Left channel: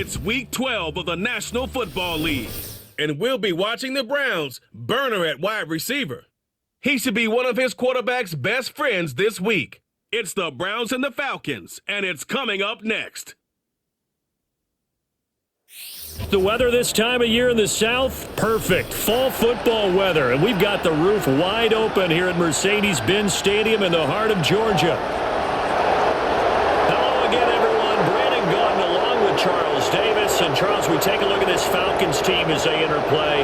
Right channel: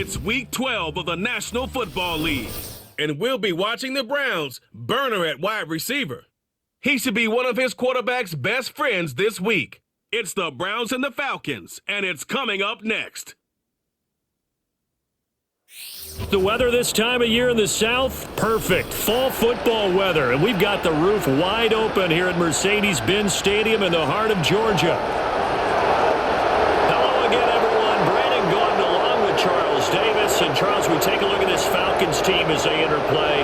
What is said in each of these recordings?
It's Week 12 of the National Football League, and we'll be watching the Browns burner at wide receiver. He should be one of his quarterback's best friends this week. It's the Browns and the Falcons, and it's coming up next. The weather this time of year in the South, perfect. Fall football weather, and we've got the roof wide open here at Mercedes-Benz Stadium in the heart of Georgia. Hello again, everyone. Brandon Gordon along with Charles Davis. And Charles, we take a look at this Falcons team as they enter play.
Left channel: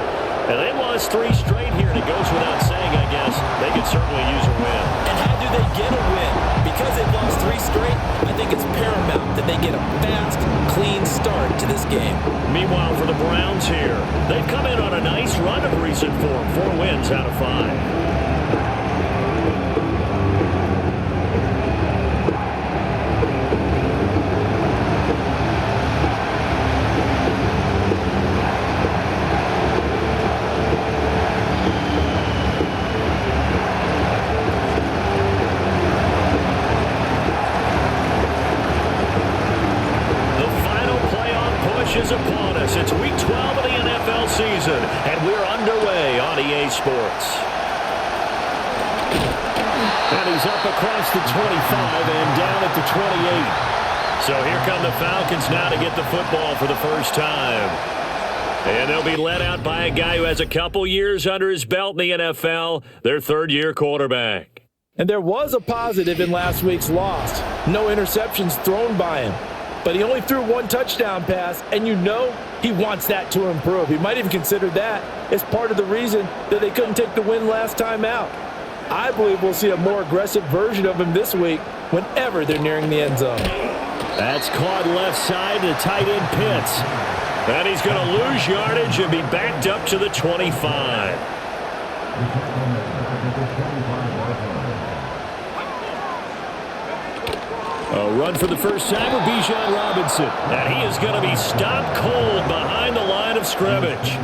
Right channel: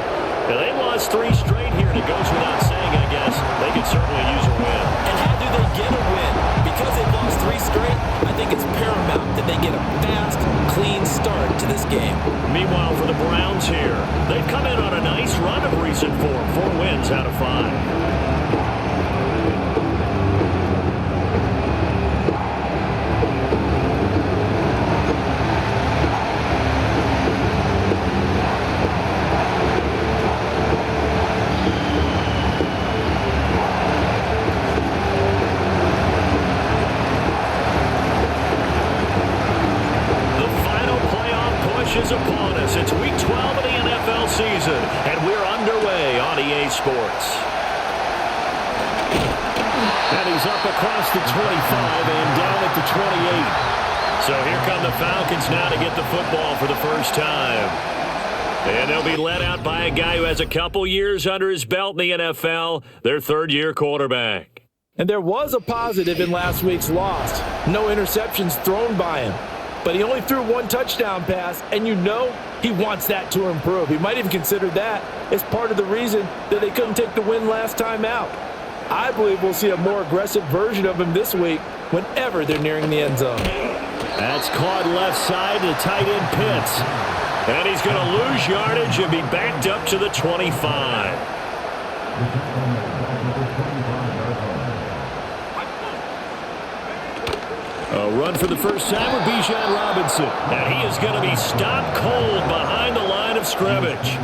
Now, they've lost 3 straight here, and it goes without saying, I guess. They could certainly use a win. And how do they get a win? Because they've lost 3 straight, I think it's paramount that they get a fast, clean start to this game. Meanwhile, for the Browns here, they've come in on a nice run of recent form. 4 wins out of 5. Is upon us. It's week 12 of the NFL season, and we're underway on EA Sports. And he's up across the 25 and down at the 28. So here come the Falcons now to get the football for the first time. And they'll be led out by a guy who has a couple years under his belt in the NFL, their third-year quarterback. And there was a positive in last week's loss. No interceptions thrown by him. But he only threw 1 touchdown pass, and you know he wants that to improve. He might even consider that as part of the reason that they couldn't take the win last time out. I believe we'll see a more aggressive version of him this week whenever they're nearing the end zone. That's caught left side to tight end Pitts. And he's going to lose yardage and be backed up to the 25. A run for the first time with Bijan Robinson. And he is going to be stopped cold behind the line of scrimmage.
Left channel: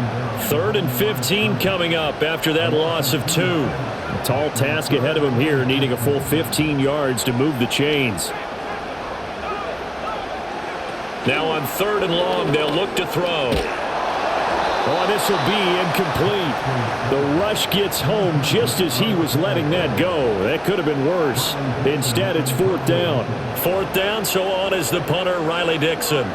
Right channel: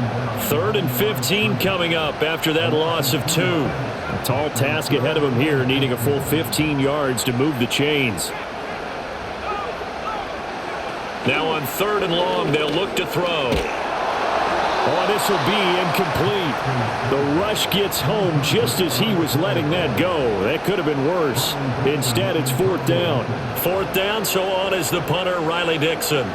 3rd and 15 coming up after that loss of 2. A tall task ahead of him here, needing a full 15 yards to move the chains. Now on 3rd and long, they'll look to throw. Oh, this will be incomplete. The rush gets home just as he was letting that go. That could have been worse. Instead, it's 4th down. 4th down, so on is the punter, Riley Dixon.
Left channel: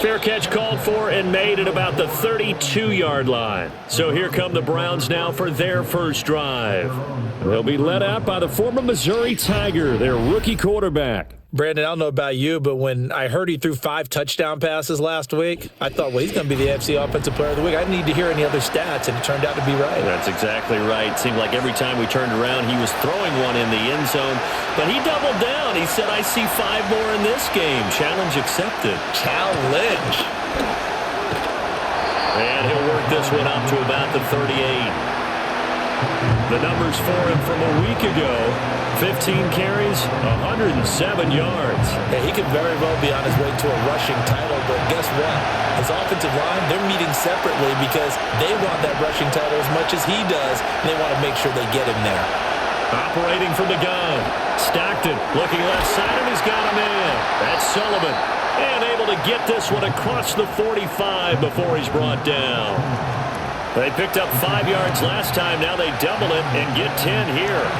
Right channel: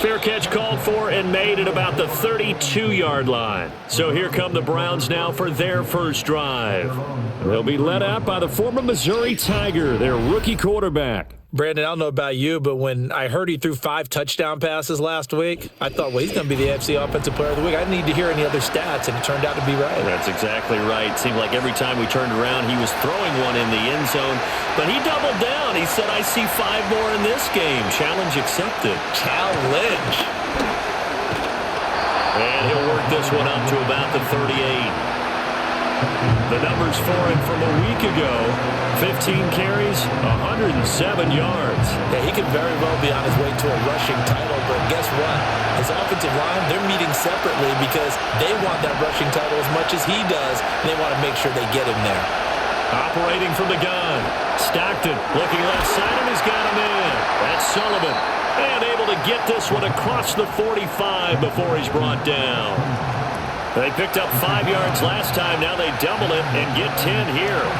Fair catch called for and made at about the 32-yard line. So here come the Browns now for their first drive. They'll be led out by the former Missouri Tiger, their rookie quarterback. Brandon, I don't know about you, but when I heard he threw 5 touchdown passes last week, I thought, well, he's going to be the AFC Offensive Player of the Week. I didn't need to hear any other stats, and it turned out to be right. That's exactly right. It seemed like every time we turned around, he was throwing one in the end zone. But he doubled down. He said, I see 5 more in this game. Challenge accepted. Challenge. And he'll work this one up to about the 38. The numbers for him from a week ago. 15 carries, 107 yards. Yeah, he could very well be on his way to a rushing title, but guess what? His offensive line, they're meeting separately because they want that rushing title as much as he does, and they want to make sure they get him there. Operating from the gun. Stockton looking left side, and he's got a man. That's Sullivan. And able to get this one across the 45 before he's brought down. They picked up 5 yards last time. Now they double it and get 10 here.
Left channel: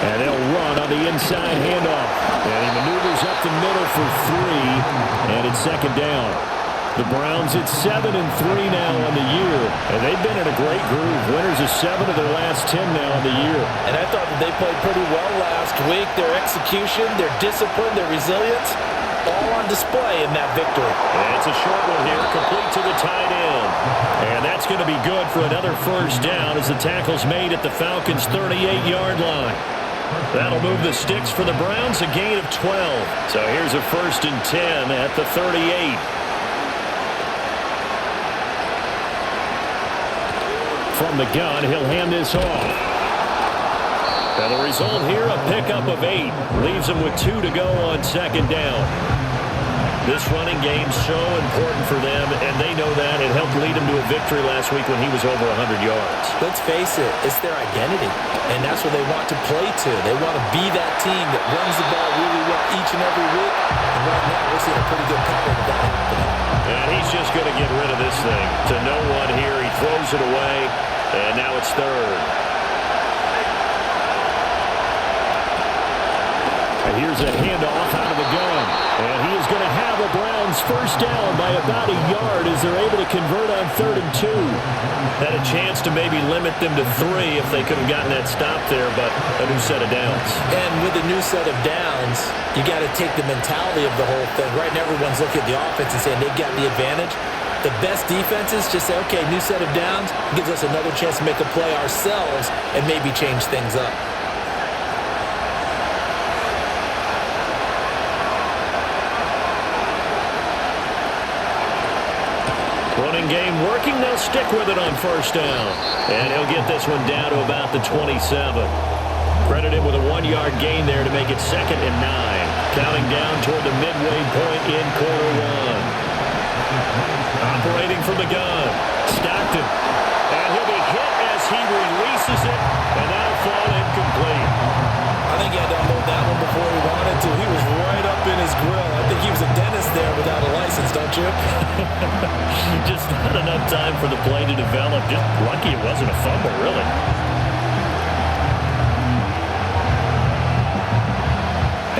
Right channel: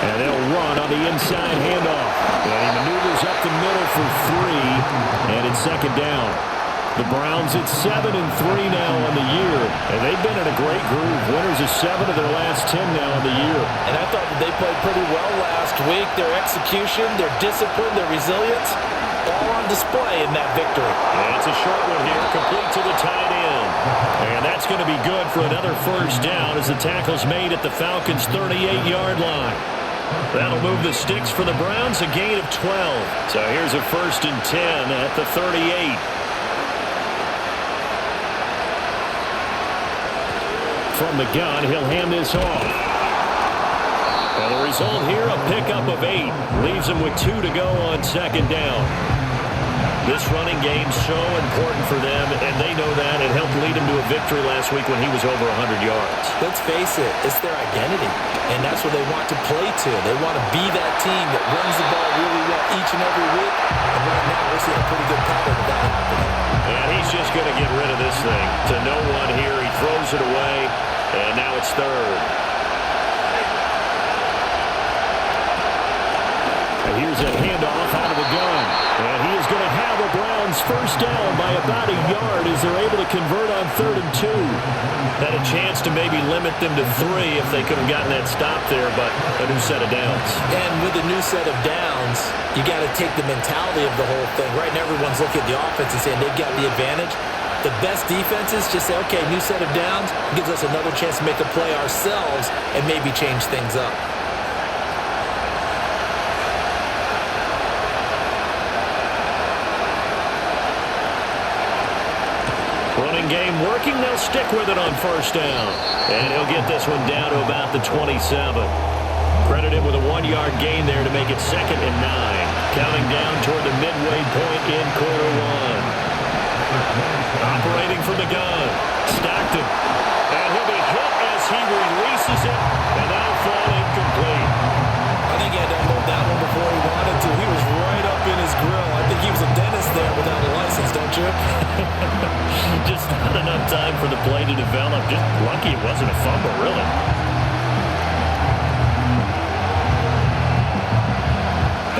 And they'll run on the inside handoff. And he maneuvers up the middle for 3. And it's 2nd down. The Browns at 7-3 now on the year. And they've been in a great groove. Winners of 7 of their last 10 now on the year. And I thought that they played pretty well last week. Their execution, their discipline, their resilience, all on display in that victory. And it's a short one here, complete to the tight end. And that's going to be good for another first down as the tackle's made at the Falcons' 38-yard line. That'll move the sticks for the Browns, a gain of 12. So here's a 1st and 10 at the 38. From the gun, he'll hand this off. And the result here, a pickup of 8. Leaves him with 2 to go on 2nd down. This running game's so important for them, and they know that. It helped lead them to a victory last week when he was over 100 yards. Let's face it, it's their identity, and that's what they want to play to. They want to be that team that runs the ball really well each and every week, and right now we're seeing a pretty good pattern of that happening. And he's just going to get rid of this thing. To no one here, he throws it away, and now it's third. Here's a handoff out of the gun. And he is going to have a Browns first down by about a yard as they're able to convert on 3rd and 2. Had a chance to maybe limit them to 3 if they could have gotten that stop there, but a new set of downs. And with a new set of downs, you got to take the mentality of the whole thing. Right now everyone's looking at the offense and saying they've got the advantage. The best defenses just say, okay, new set of downs, gives us another chance to make a play ourselves and maybe change things up. Running game working. They'll stick with it on first down. And he'll get this one down to about the 27. Credited with a 1-yard gain there to make it 2nd and 9. Counting down toward the midway point in quarter 1. Operating from the gun. Stockton. And he'll be hit as he releases it. And that'll fall incomplete. I think he had to unload that one before he wanted to. He was right up in his grill. I think he was a dentist there without a license, don't you? Just not enough time for the play to develop. Just lucky it wasn't a fumble, really.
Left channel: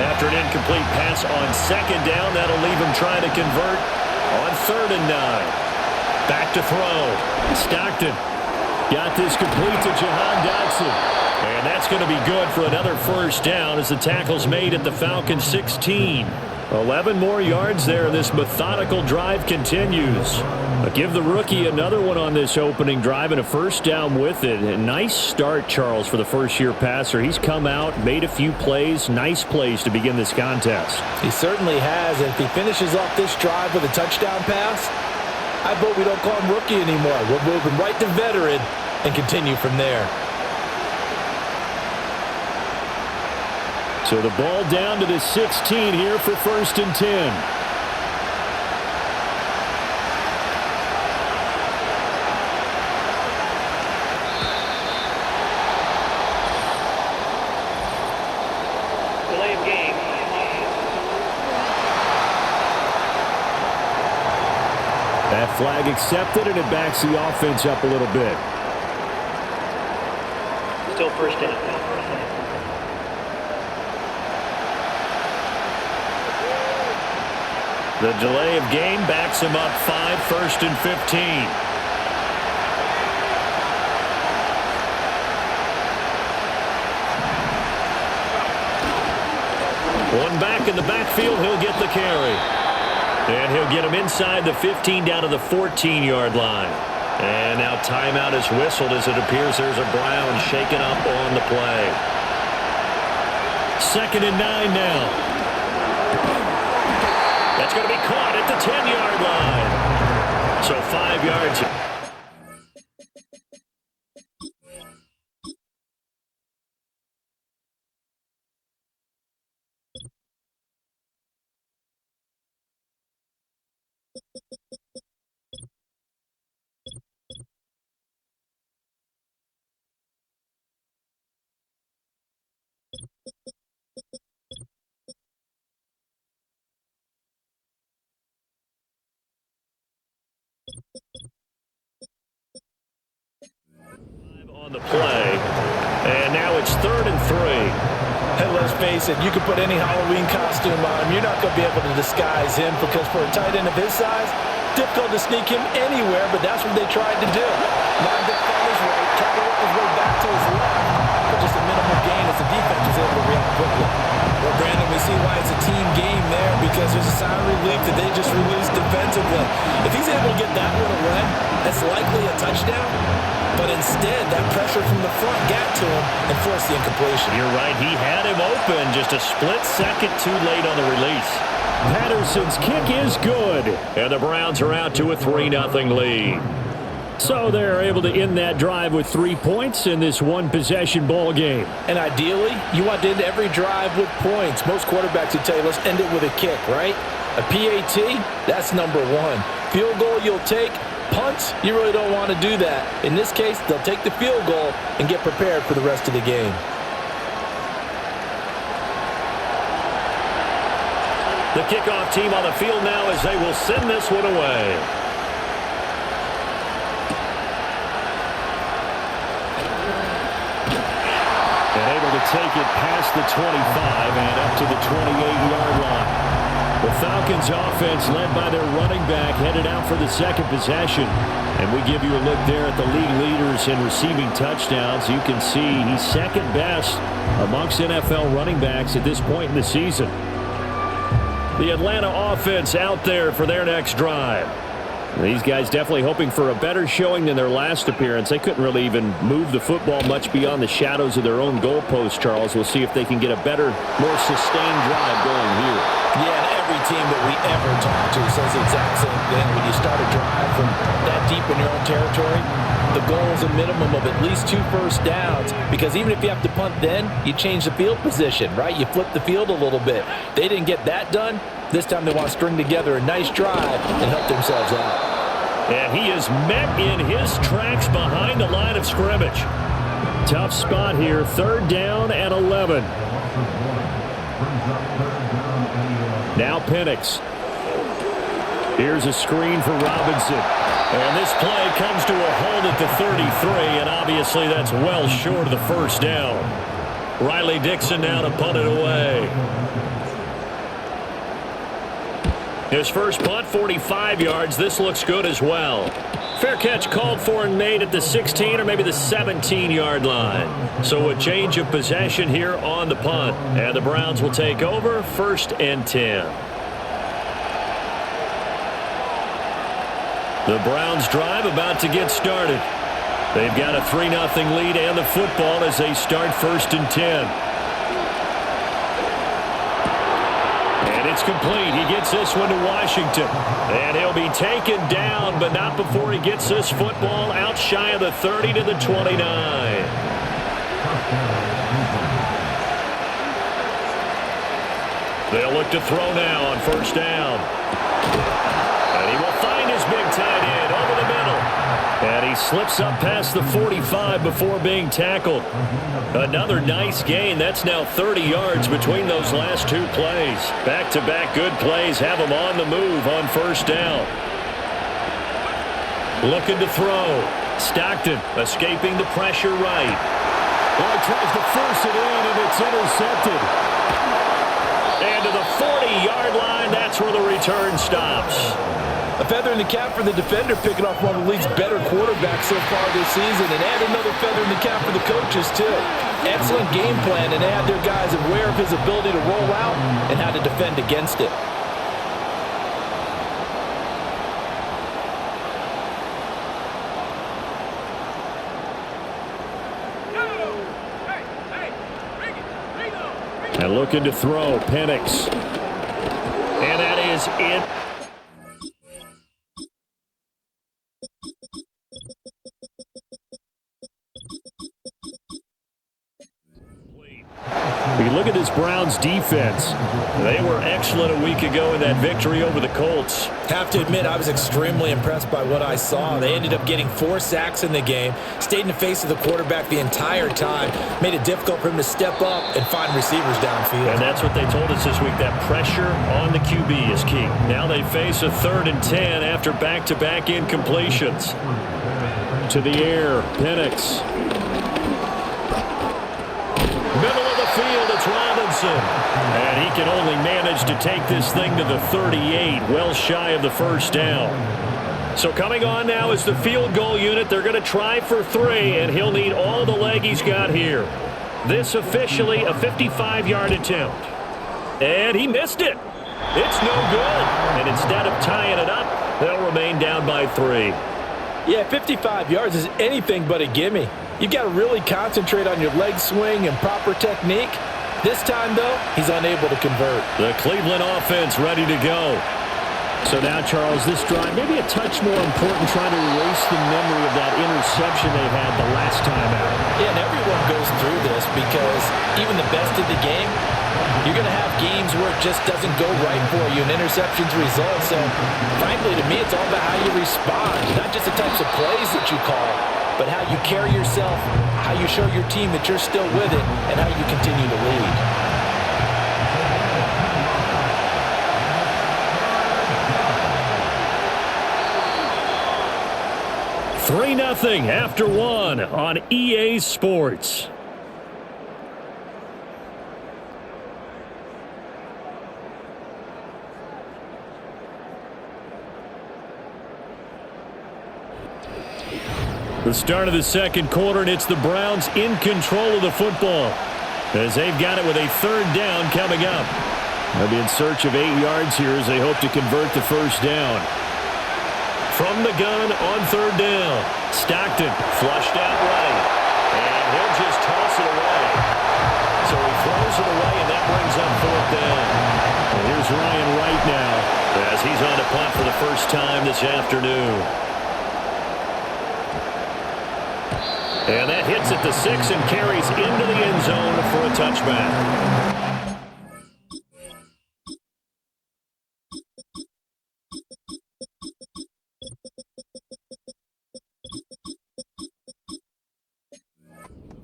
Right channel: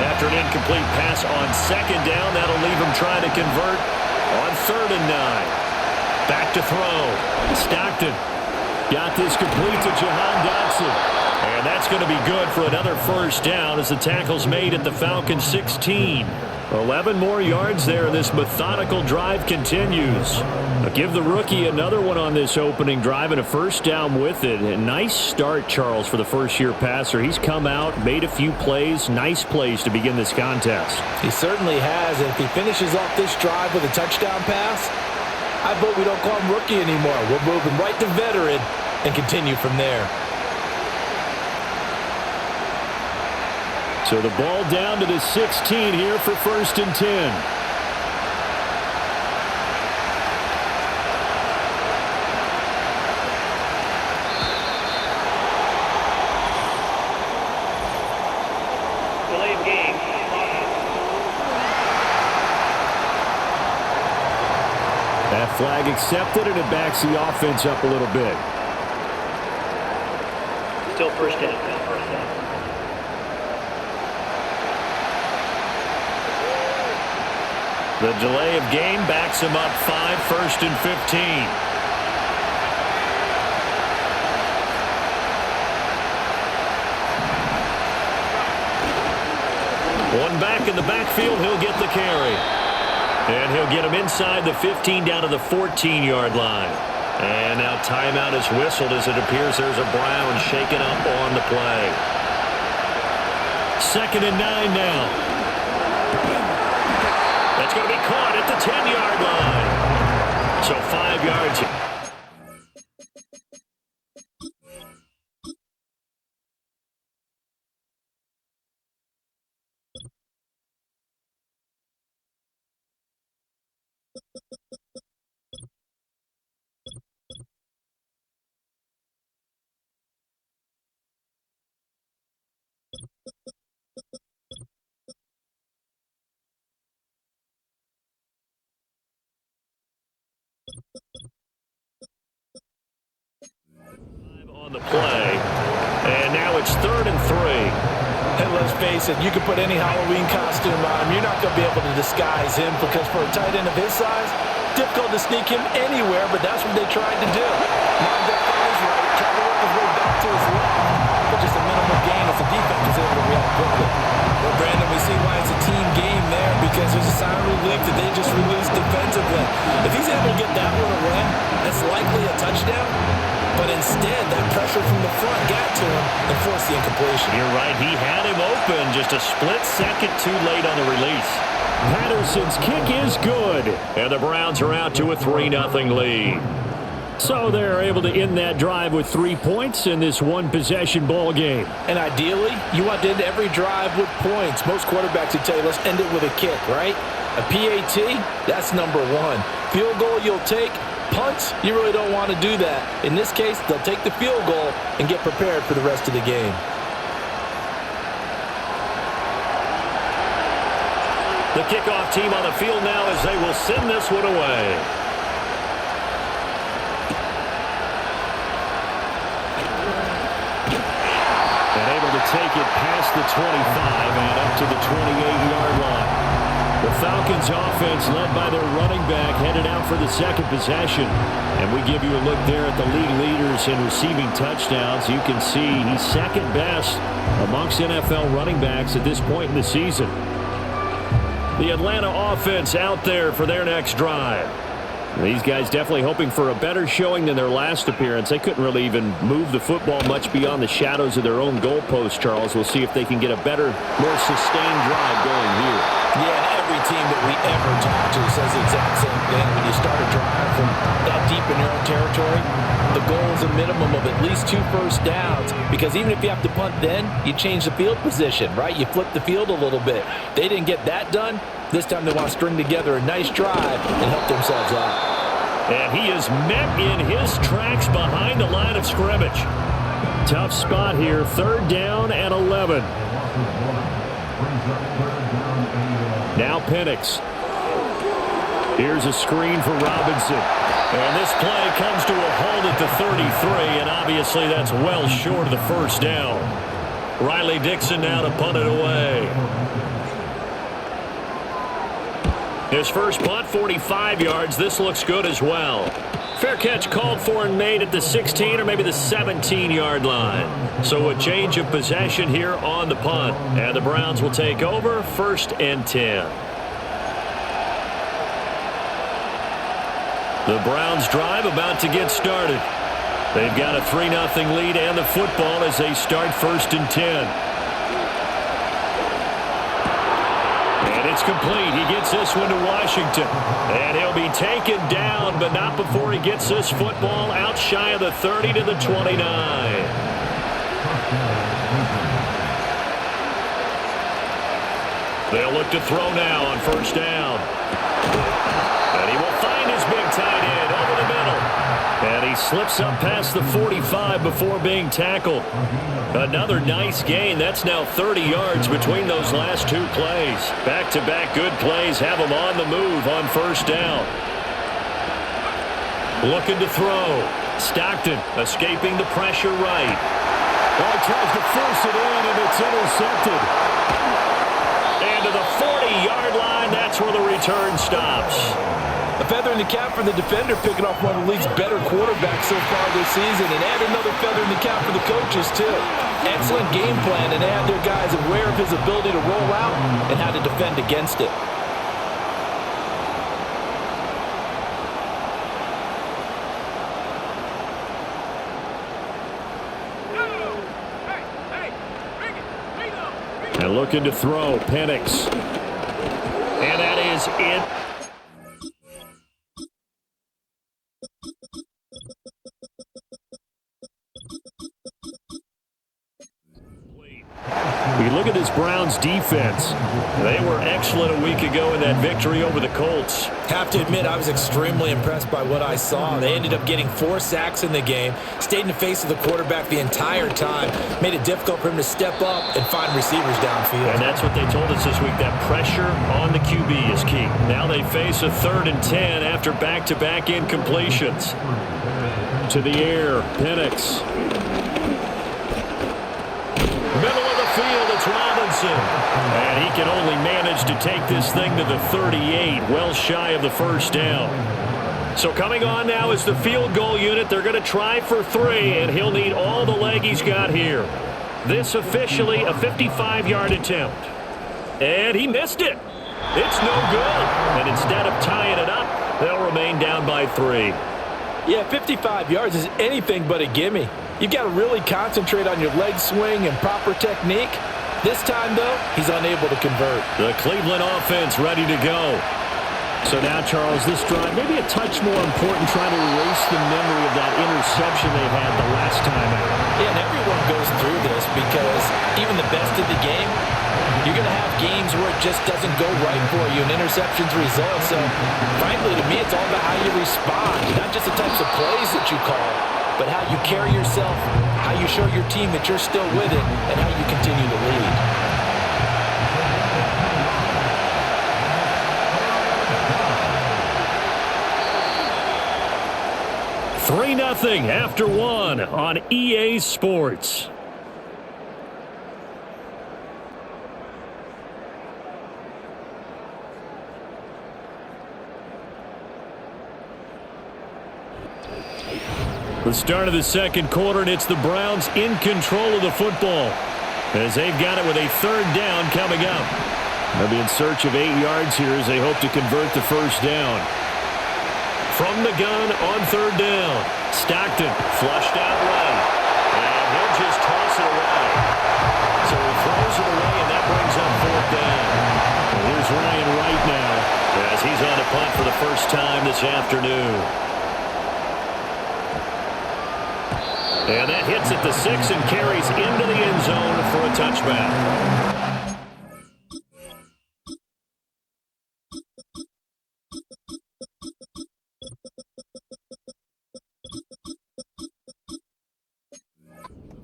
After an incomplete pass on 2nd down, that'll leave him trying to convert on 3rd and 9. Back to throw. Stockton got this complete to Jahan Dotson. And that's going to be good for another first down as the tackle's made at the Falcons 16. 11 more yards there, and this methodical drive continues. But give the rookie another one on this opening drive and a first down with it. A nice start, Charles, for the first-year passer. He's come out, made a few plays, nice plays to begin this contest. He certainly has, and if he finishes off this drive with a touchdown pass, I vote we don't call him rookie anymore. We'll move him right to veteran and continue from there. So the ball down to the 16 here for 1st and 10. Delay of game. That flag accepted, and it backs the offense up a little bit. Still first down. The delay of game backs him up 5, 1st and 15. One back in the backfield, he'll get the carry. And he'll get him inside the 15 down to the 14-yard line. And now timeout is whistled as it appears there's a Brown shaken up on the play. 2nd and 9 now. That's going to be caught at the 10-yard line. So 5 yards. On the play, and now it's 3rd and 3. And let's face it, you can put any Halloween costume on him. You're not going to be able to disguise him because for a tight end of his size, difficult to sneak him anywhere, but that's what they tried to do. Lined up on his right, tried to work his way back to his left, but just a minimal gain as the defense was able to react quickly. Well, Brandon, we see why it's a team game there because there's a sigh of relief that they just released defensively. If he's able to get that one away, that's likely a touchdown. But instead, that pressure from the front got to him and forced the incompletion. You're right. He had him open. Just a split second too late on the release. Patterson's kick is good. And the Browns are out to a 3-0 lead. So they're able to end that drive with 3 points in this one-possession ball game. And ideally, you want to end every drive with points. Most quarterbacks would tell you, let's end it with a kick, right? A PAT, that's number one. Field goal you'll take. Punts, you really don't want to do that. In this case, they'll take the field goal and get prepared for the rest of the game. The kickoff team on the field now as they will send this one away. And able to take it past the 25 and up to the 28-yard line. The Falcons offense led by their running back headed out for the second possession. And we give you a look there at the league leaders in receiving touchdowns. You can see he's second best amongst NFL running backs at this point in the season. The Atlanta offense out there for their next drive. These guys definitely hoping for a better showing than their last appearance. They couldn't really even move the football much beyond the shadows of their own goalpost, Charles. We'll see if they can get a better, more sustained drive going here. Yeah, and every team that we ever talk to says the exact same thing. When you start a drive from that deep in your own territory, the goal is a minimum of at least 2 first downs, because even if you have to punt then, you change the field position, right? You flip the field a little bit. They didn't get that done. This time they want to string together a nice drive and help themselves out. And he is met in his tracks behind the line of scrimmage. Tough spot here, 3rd down and 11. Now Penix. Here's a screen for Robinson. And this play comes to a halt at the 33, and obviously that's well short of the first down. Riley Dixon now to punt it away. His first punt, 45 yards. This looks good as well. Fair catch called for and made at the 16 or maybe the 17-yard line. So a change of possession here on the punt. And the Browns will take over, 1st and 10. The Browns drive about to get started. They've got a 3-0 lead and the football as they start 1st and 10. And it's complete. He gets this one to Washington. And he'll be taken down, but not before he gets this football out shy of the 30 to the 29. They'll look to throw now on 1st down. And he will find his big tight end over the middle. And he slips up past the 45 before being tackled. Another nice gain. That's now 30 yards between those last 2 plays. Back-to-back good plays have him on the move on 1st down. Looking to throw. Stockton escaping the pressure right. Oh, he tries to force it in, and it's intercepted. And to the 40-yard line, that's where the return stops. A feather in the cap for the defender, picking off one of the league's better quarterbacks so far this season, and add another feather in the cap for the coaches, too. Excellent game plan, and they had their guys aware of his ability to roll out and how to defend against it. And looking to throw, Penix. And that is it. We look at this Browns defense. They were excellent a week ago in that victory over the Colts. Have to admit, I was extremely impressed by what I saw. They ended up getting 4 sacks in the game, stayed in the face of the quarterback the entire time, made it difficult for him to step up and find receivers downfield. And that's what they told us this week, that pressure on the QB is key. Now they face a 3rd and 10 after back-to-back incompletions. To the air, Penix. Middle of the field, it's Robinson. And he can only manage to take this thing to the 38, well shy of the first down. So coming on now is the field goal unit. They're going to try for 3, and he'll need all the leg he's got here. This officially a 55-yard attempt. And he missed it. It's no good. And instead of tying it up, they'll remain down by 3. Yeah, 55 yards is anything but a gimme. You've got to really concentrate on your leg swing and proper technique. This time, though, he's unable to convert. The Cleveland offense ready to go. So now, Charles, this drive, maybe a touch more important, trying to erase the memory of that interception they had the last time out. Yeah, and everyone goes through this because even the best in the game, you're going to have games where it just doesn't go right for you and interceptions result. So, frankly, to me, it's all about how you respond, not just the types of plays that you call, but how you carry yourself, how you show your team that you're still with it, and how you continue to lead. 3-0 after 1 on EA Sports. The start of the second quarter, and it's the Browns in control of the football as they've got it with a third down coming up. They'll be in search of 8 yards here as they hope to convert the first down. From the gun on third down, Stockton flushed out right, and he'll just toss it away. So he throws it away, and that brings up fourth down. And here's Ryan Wright now as he's on to punt for the first time this afternoon. And that hits at the 6 and carries into the end zone for a touchback.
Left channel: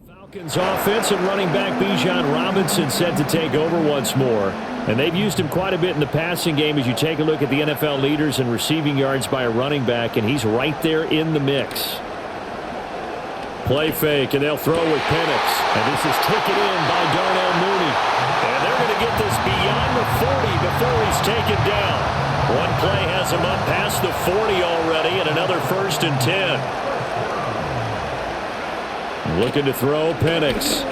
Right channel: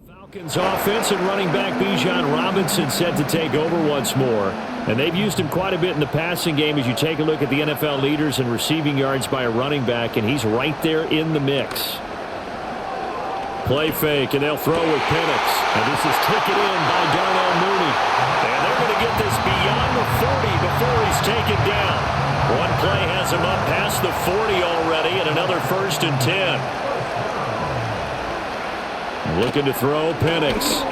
Falcons offense and running back Bijan Robinson set to take over once more. And they've used him quite a bit in the passing game as you take a look at the NFL leaders in receiving yards by a running back, and he's right there in the mix. Play fake, and they'll throw with Penix. And this is taken in by Darnell Mooney. And they're going to get this beyond the 40 before he's taken down. One play has him up past the 40 already, and another 1st and 10. And looking to throw, Penix.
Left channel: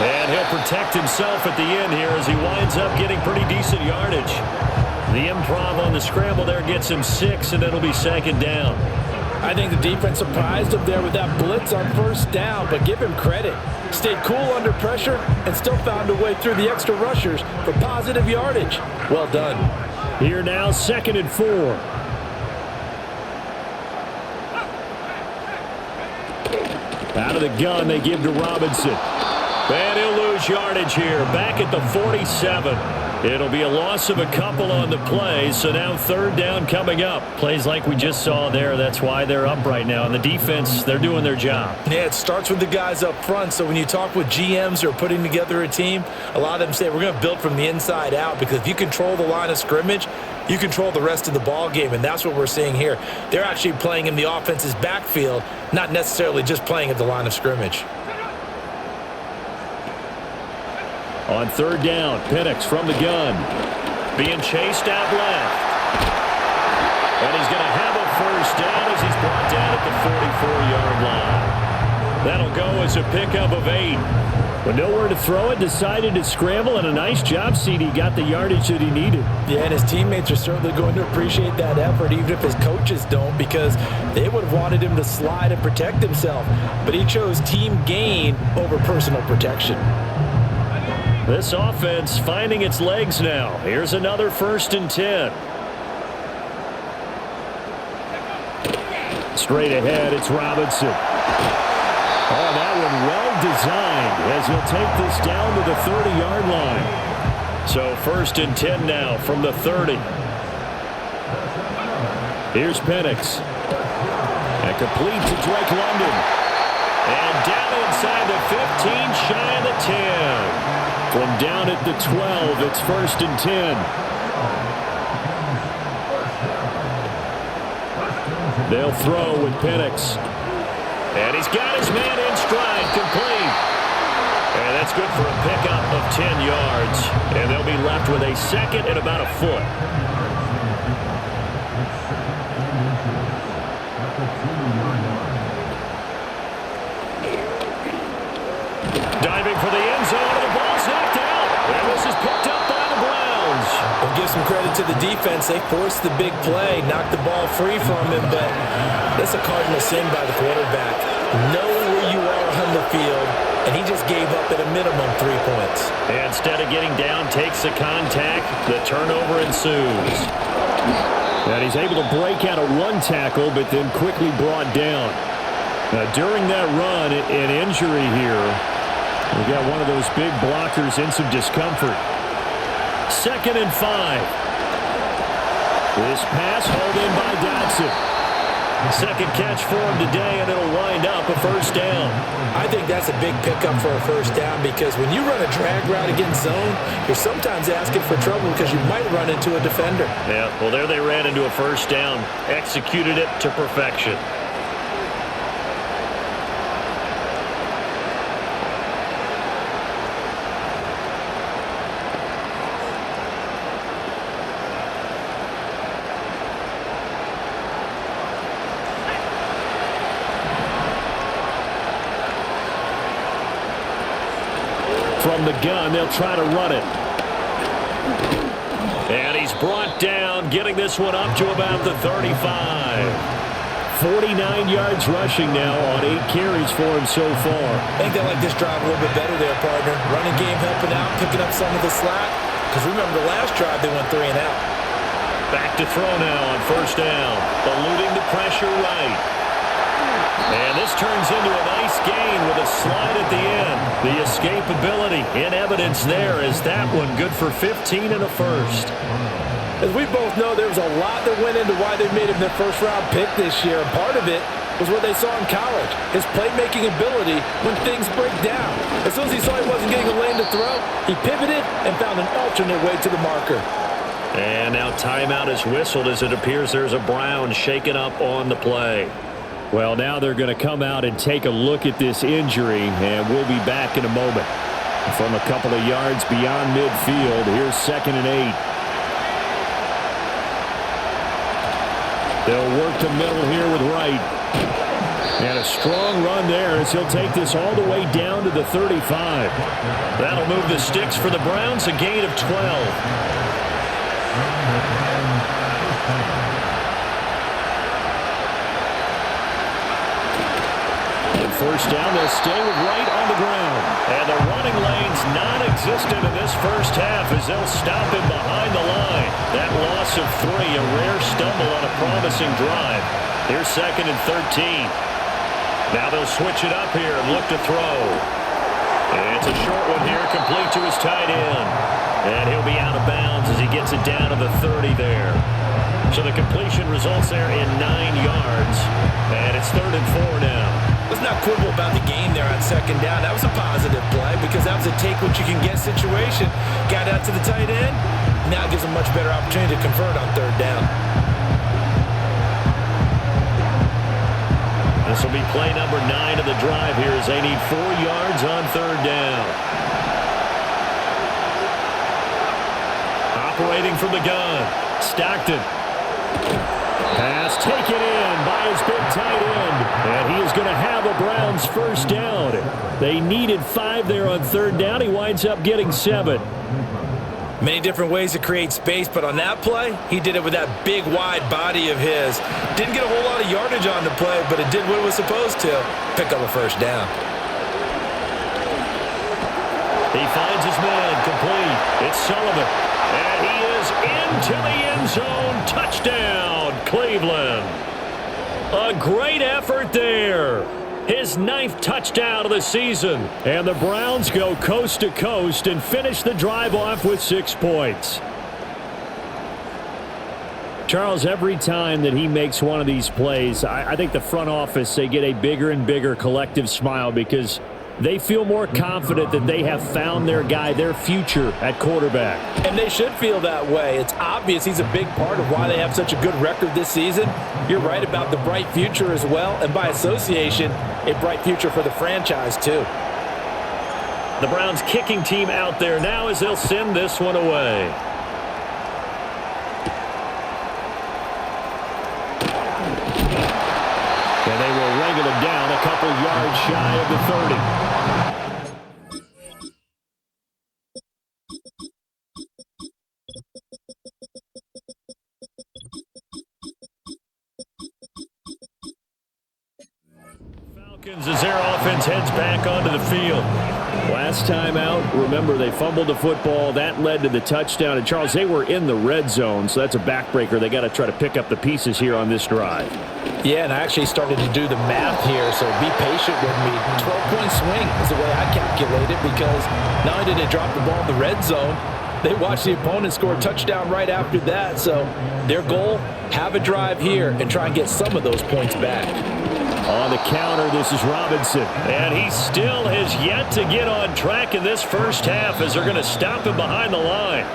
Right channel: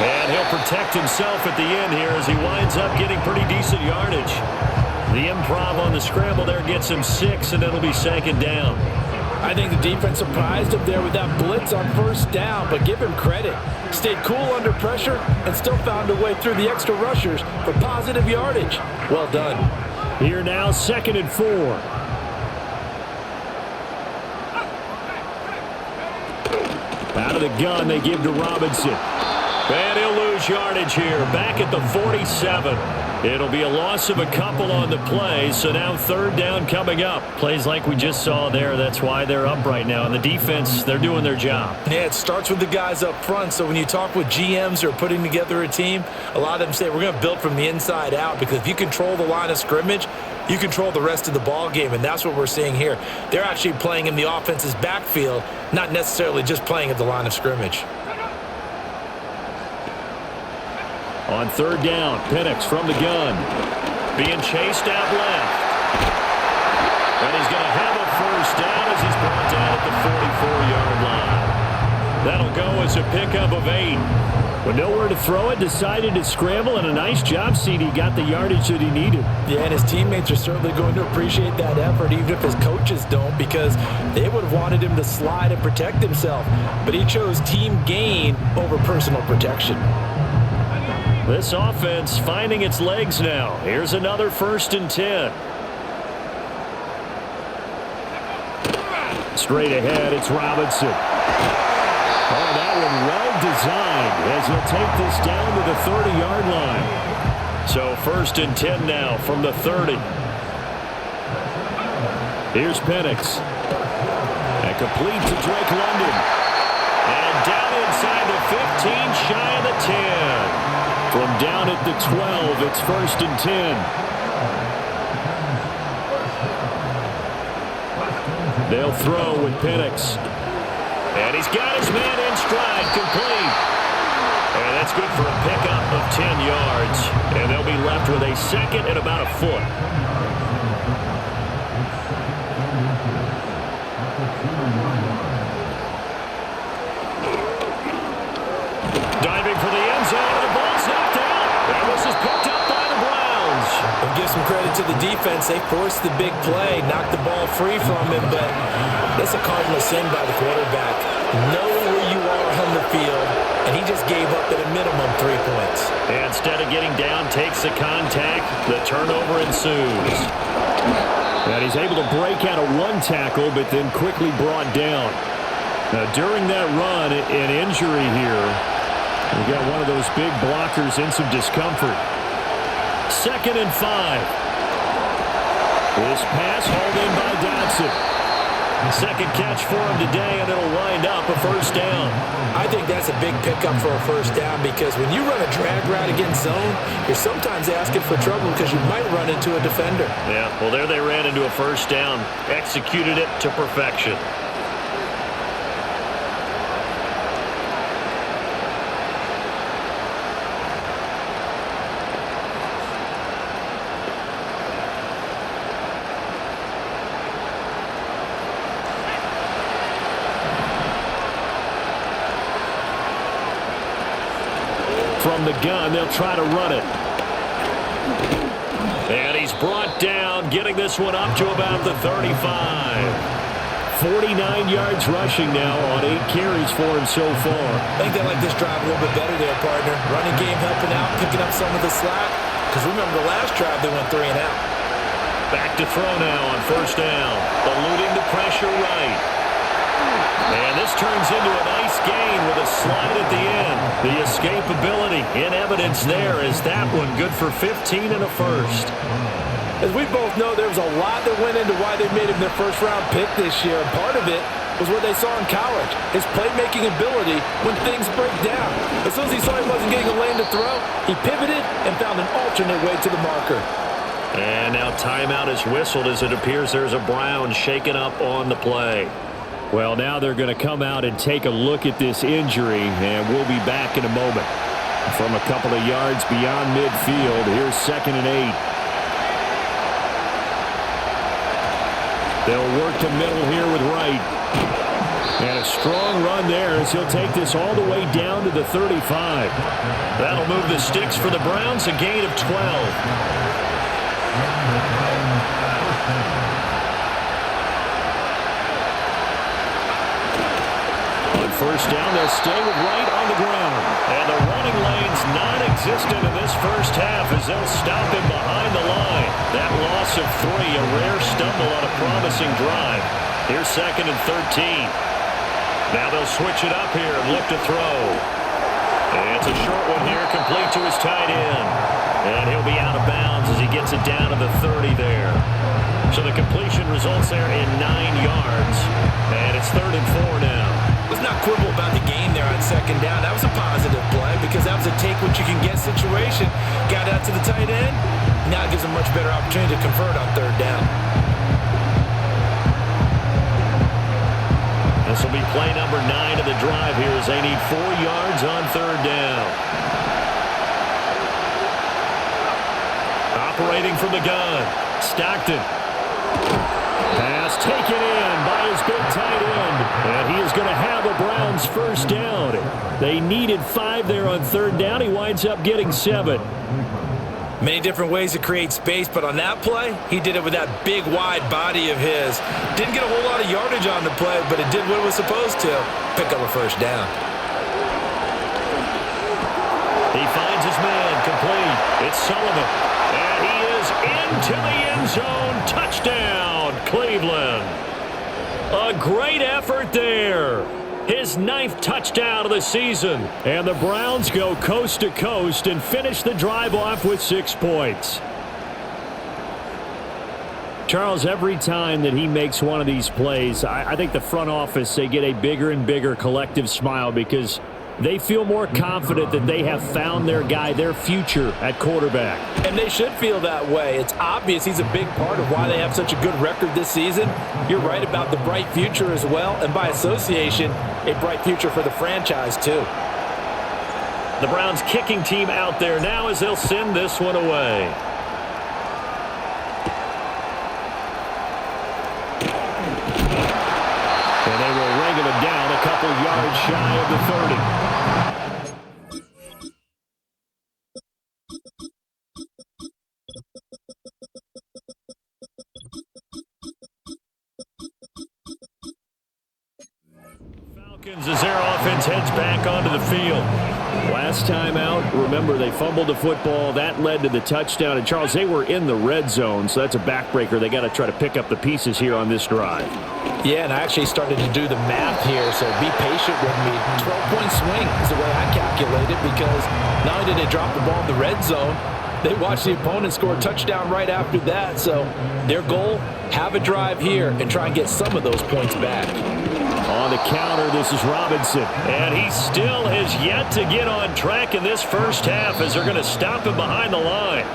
And he'll protect himself at the end here as he winds up getting pretty decent yardage. The improv on the scramble there gets him 6, and it'll be 2nd down. I think the defense surprised him there with that blitz on first down, but give him credit. Stayed cool under pressure and still found a way through the extra rushers for positive yardage. Well done. Here now, 2nd and 4. Out of the gun, they give to Robinson. And he'll lose yardage here, back at the 47. It'll be a loss of a couple on the play, so now 3rd down coming up. Plays like we just saw there, that's why they're up right now. And the defense, they're doing their job. Yeah, it starts with the guys up front. So when you talk with GMs who are putting together a team, a lot of them say we're going to build from the inside out, because if you control the line of scrimmage, you control the rest of the ball game, and that's what we're seeing here. They're actually playing in the offense's backfield, not necessarily just playing at the line of scrimmage. On 3rd down, Penix from the gun. Being chased out left. And he's going to have a first down as he's brought down at the 44-yard line. That'll go as a pickup of 8. But nowhere to throw it, decided to scramble, and a nice job, CD. Got the yardage that he needed. Yeah, and his teammates are certainly going to appreciate that effort, even if his coaches don't, because they would have wanted him to slide and protect himself. But he chose team gain over personal protection. This offense finding its legs now. Here's another 1st and 10. Straight ahead, it's Robinson. Oh, that one well designed as he'll take this down to the 30-yard line. So 1st and 10 now from the 30. Here's Penix. And complete to Drake London. And down inside the 15, shy of the 10. From down at the 12, it's 1st and 10. They'll throw with Penix. And he's got his man in stride, complete. And that's good for a pickup of 10 yards. And they'll be left with a 2nd and about a foot. Diving for the end zone, and the ball's knocked out. And this is picked up by the Browns. We'll give some credit to the defense. They forced the big play, knocked the ball free from him, but that's a cardinal sin by the quarterback. Know where you are on the field, and he just gave up at a minimum 3 points. Instead of getting down, takes the contact. The turnover ensues. And he's able to break out of one tackle, but then quickly brought down. Now, during that run, an injury here. We got one of those big blockers in some discomfort. 2nd and 5. This pass hauled in by Dotson. Second catch for him today, and it'll wind up a first down. I think that's a big pickup for a first down because when you run a drag route against zone, you're sometimes asking for trouble because you might run into a defender. Yeah, well, there they ran into a first down. Executed it to perfection. From the gun, they'll try to run it. And he's brought down, getting this one up to about the 35. 49 yards rushing now on 8 carries for him so far. I think they like this drive a little bit better there, partner. Running game helping out, picking up some of the slack. Because remember the last drive, they went 3 and out. Back to throw now on first down. Eluding the pressure right. And this turns into a nice gain with a slide at the end. The escapability in evidence there is that one good for 15 and a first. As we both know, there was a lot that went into why they made him their first-round pick this year, and part of it was what they saw in college, his playmaking ability when things break down. As soon as he saw he wasn't getting a lane to throw, he pivoted and found an alternate way to the marker. And now timeout is whistled as it appears there's a Brown shaken up on the play. Well, now they're going to come out and take a look at this injury, and we'll be back in a moment. From a couple of yards beyond midfield, here's 2nd and 8. They'll work the middle here with Wright. And a strong run there as he'll take this all the way down to the 35. That'll move the sticks for the Browns, a gain of 12. On first down, they'll stay with Wright on the ground. And the running lane's non-existent in this first half as they'll stop him behind the line. That loss of 3, a rare stumble on a promising drive. Here's 2nd and 13. Now they'll switch it up here and look to throw. It's a short one here, complete to his tight end. And he'll be out of bounds as he gets it down to the 30 there. So the completion results there in 9 yards. And it's 3rd and 4 now. Let's not quibble about the game there on 2nd down. That was a positive play because that was a take-what-you-can-get situation. Got out to the tight end. Now it gives them a much better opportunity to convert on 3rd down. This will be play number 9 of the drive here as they need 4 yards on 3rd down. Operating from the gun, Stockton. Pass taken in by his big tight end. And he is going to have a Browns first down. They needed 5 there on 3rd down. He winds up getting 7. Many different ways to create space, but on that play, he did it with that big, wide body of his. Didn't get a whole lot of yardage on the play, but it did what it was supposed to. Pick up a first down. He finds his man complete. It's Sullivan. And he is into the end zone. Touchdown, Cleveland. A great effort there. His 9th touchdown of the season. And the Browns go coast to coast and finish the drive off with 6 points. Charles, every time that he makes one of these plays, I think the front office, they get a bigger and bigger collective smile because they feel more confident that they have found their guy, their future at quarterback. And they should feel that way. It's obvious he's a big part of why they have such a good record this season. You're right about the bright future as well, and by association, a bright future for the franchise too. The Browns kicking team out there now as they'll send this one away. And they will wrangle it down a couple yards shy of the 30. Falcons as their offense heads back onto the field. Last time out, remember, they fumbled the football. That led to the touchdown. And, Charles, they were in the red zone, so that's a backbreaker. They got to try to pick up the pieces here on this drive. Yeah, and I actually started to do the math here, so be patient with me. 12-point swing is the way I calculate it, because not only did they drop the ball in the red zone, they watched the opponent score a touchdown right after that. So their goal, have a drive here and try and get some of those points back. On the counter, this is Robinson. And he still has yet to get on track in this first half as they're going to stop him behind the line.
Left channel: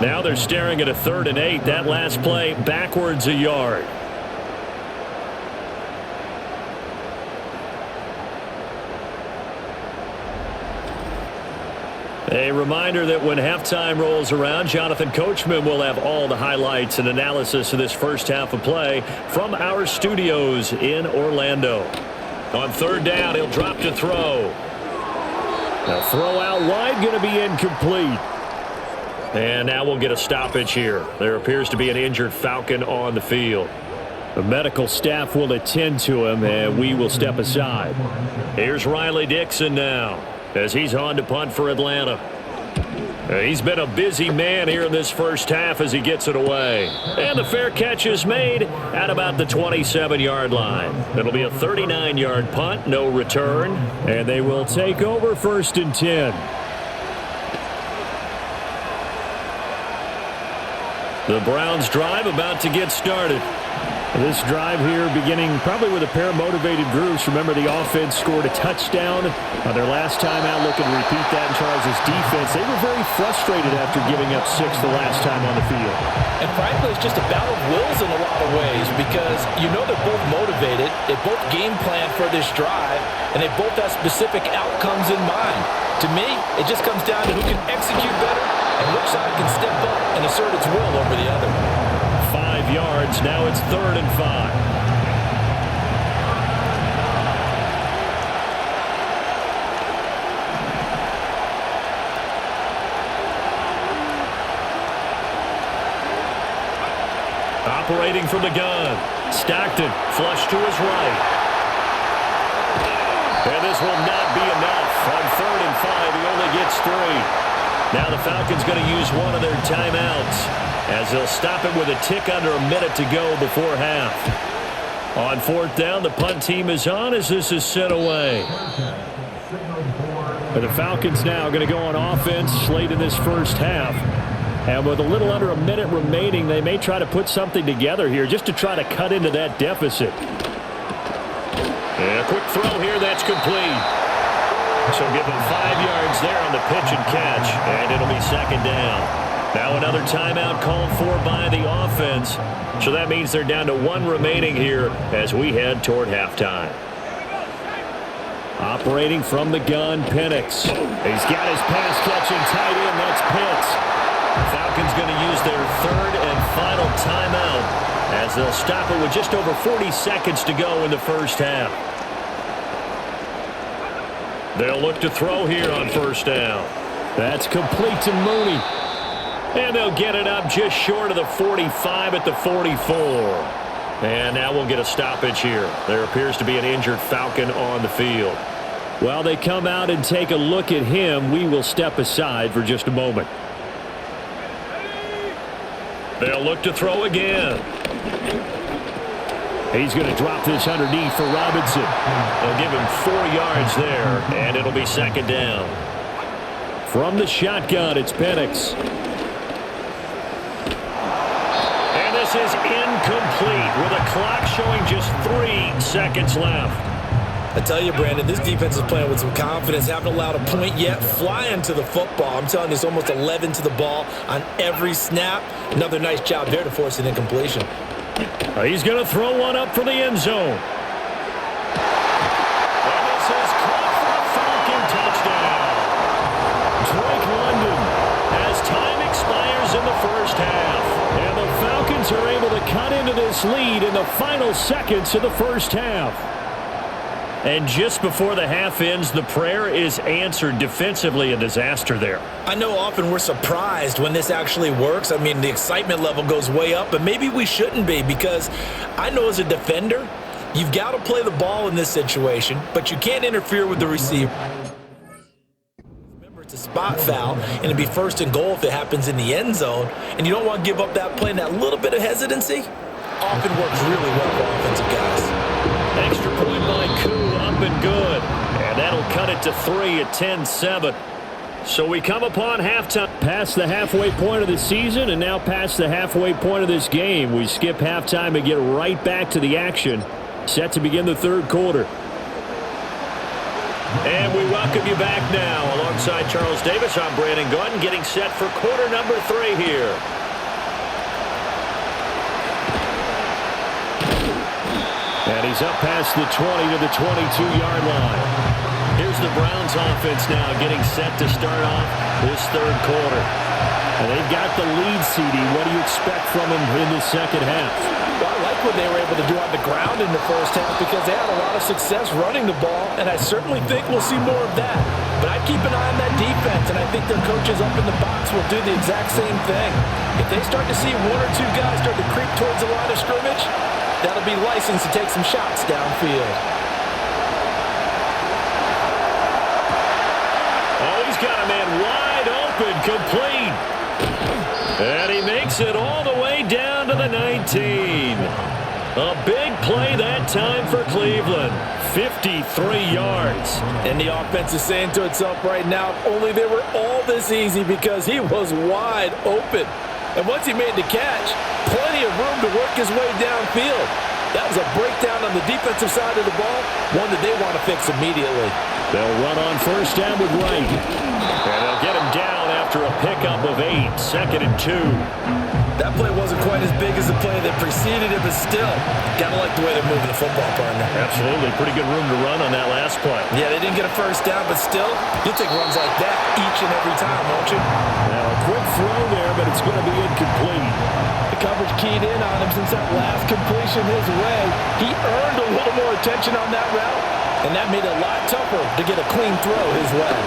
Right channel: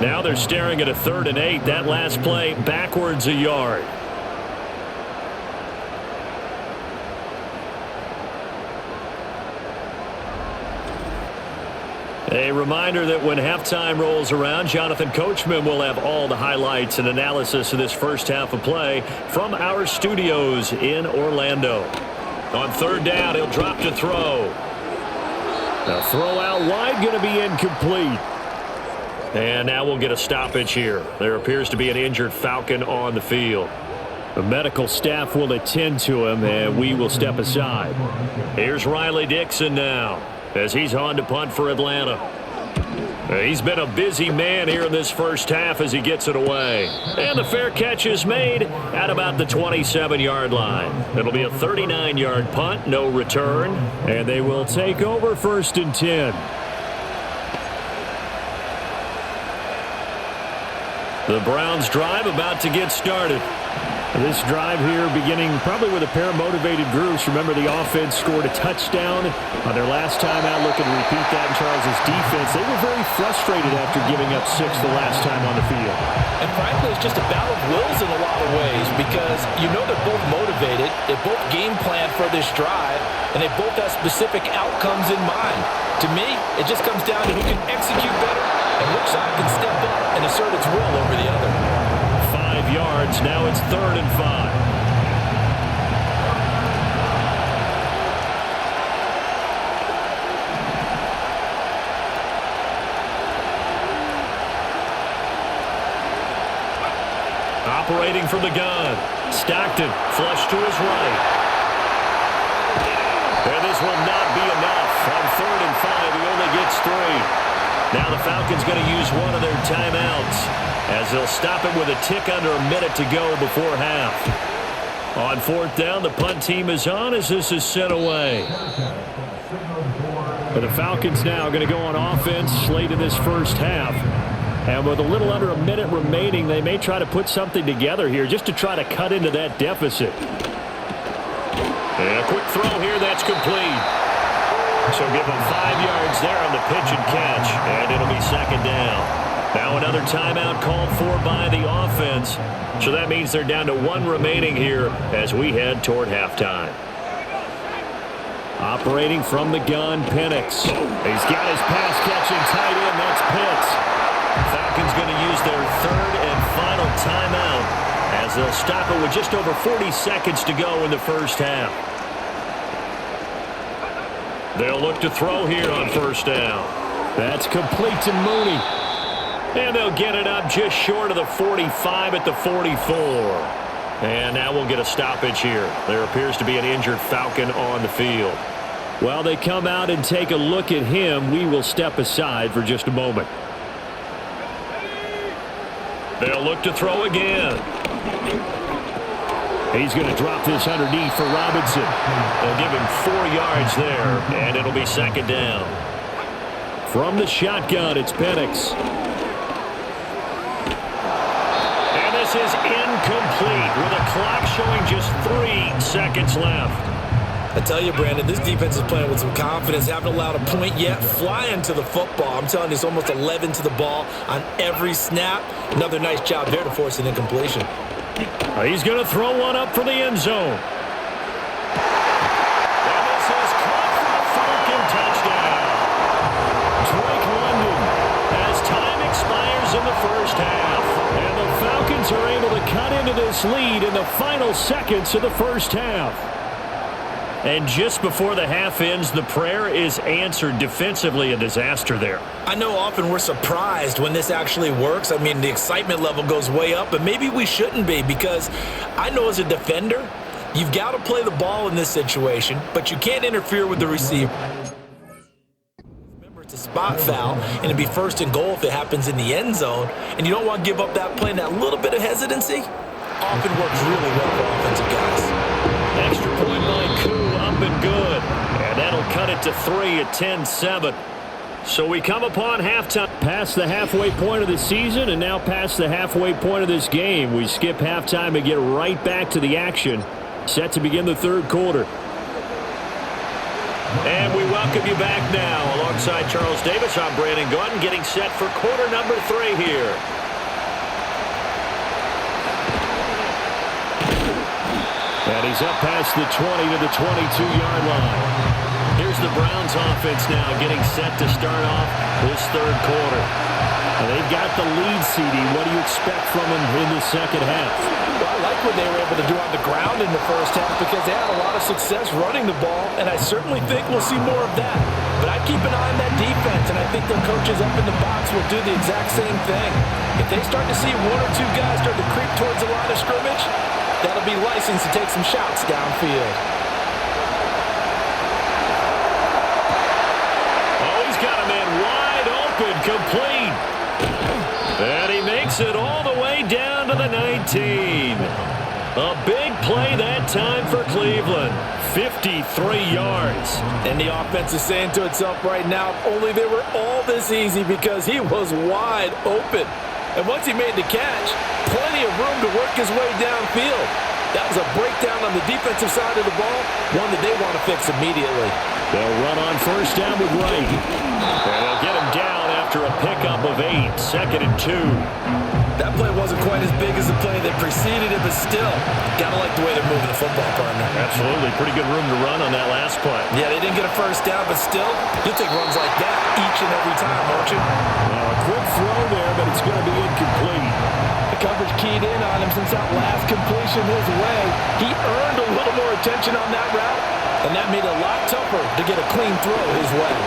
Now they're staring at a 3rd and 8. That last play backwards a yard. A reminder that when halftime rolls around, Jonathan Coachman will have all the highlights and analysis of this first half of play from our studios in Orlando. On 3rd down, he'll drop to throw. Now throw out wide, going to be incomplete. And now we'll get a stoppage here. There appears to be an injured Falcon on the field. The medical staff will attend to him, and we will step aside. Here's Riley Dixon now, as he's on to punt for Atlanta. He's been a busy man here in this first half as he gets it away. And the fair catch is made at about the 27-yard line. It'll be a 39-yard punt, no return. And they will take over 1st and 10. The Browns drive about to get started. This drive here beginning probably with a pair of motivated groups. Remember, the offense scored a touchdown on their last time out, looking to repeat that in Charles's defense. They were very frustrated after giving up 6 the last time on the field. And frankly, it's just a battle of wills in a lot of ways, because you know they're both motivated. They both game plan for this drive, and they both have specific outcomes in mind. To me, it just comes down to who can execute better and which side can step up and assert its will over the other. 5 yards. Now it's 3rd and 5. Operating from the gun. Stockton flush to his right. And this will not be enough. On 3rd and 5, he only gets 3. Now the Falcons going to use one of their timeouts, as they'll stop it with a tick under a minute to go before half. On 4th down, the punt team is on as this is sent away. And the Falcons now going to go on offense late in this first half. And with a little under a minute remaining, they may try to put something together here just to try to cut into that deficit. And a quick throw here, that's complete. So give them 5 yards there on the pitch and catch, and it'll be 2nd down. Now another timeout called for by the offense. So that means they're down to 1 remaining here as we head toward halftime. Operating from the gun, Penix. He's got his pass-catching tight end. That's Pitts. Falcons going to use their 3rd and final timeout as they'll stop it with just over 40 seconds to go in the first half. They'll look to throw here on 1st down. That's complete to Mooney. And they'll get it up just short of the 45 at the 44. And now we'll get a stoppage here. There appears to be an injured Falcon on the field. While they come out and take a look at him, we will step aside for just a moment. They'll look to throw again. He's going to drop this underneath for Robinson. They'll give him 4 yards there, and it'll be 2nd down. From the shotgun, it's Penix. And this is incomplete with a clock showing just 3 seconds left. I tell you, Brandon, this defense is playing with some confidence. Haven't allowed a point yet. Flying to the football. I'm telling you, it's almost 11 to the ball on every snap. Another nice job there to force an incompletion. He's going to throw one up for the end zone. And this is caught for a Falcon touchdown. Drake London, as time expires in the first half. And the Falcons are able to cut into this lead in the final seconds of the first half. And just before the half ends, the prayer is answered. Defensively, a disaster there. I know often we're surprised when this actually works. I mean, the excitement level goes way up, but maybe we shouldn't be, because I know as a defender, You've got to play the ball in this situation, but you can't interfere with the receiver. Remember, it's a spot foul, and it'd be 1st and goal if it happens in the end zone, and you don't want to give up that play and that little bit of hesitancy. Often works really well for offensive guys. Extra point by Koo, up and good. And that'll cut it to 3 at 10-7. So we come upon halftime. Past the halfway point of the season and now past the halfway point of this game. We skip halftime and get right back to the action. Set to begin the 3rd quarter. And we welcome you back now. Alongside Charles Davis, I'm Brandon Gaudin, getting set for quarter number 3 here. And he's up past the 20 to the 22-yard line. Here's the Browns offense now getting set to start off this 3rd quarter. And they've got the lead, CD. What do you expect from them in this second half? Well, I like what they were able to do on the ground in the first half because they had a lot of success running the ball, and I certainly think we'll see more of that. But I'd keep an eye on that defense, and I think their coaches up in the box will do the exact same thing. If they start to see 1 or 2 guys start to creep towards the line of scrimmage, that'll be licensed to take some shots downfield. Oh, he's got a man wide open, complete. And he makes it all the way down to the 19. A big play that time for Cleveland. 53 yards. And the offense is saying to itself right now, if only they were all this easy because he was wide open. And once he made the catch, plenty of room to work his way downfield. That was a breakdown on the defensive side of the ball, one that they want to fix immediately. They'll run on 1st down with Wright. And they'll get him down after a pickup of 8, 2nd and 2. That play wasn't quite as big as the play that preceded it, but still, got to like the way they're moving the football, partner. Absolutely. Pretty good room to run on that last play. Yeah, they didn't get a 1st down, but still, you'll take runs like that each and every time, won't you? Now, a quick throw there, but it's going to be incomplete. The coverage keyed in on him since that last completion his way. He earned a little more attention on that route, and that made it a lot tougher to get a clean throw his way.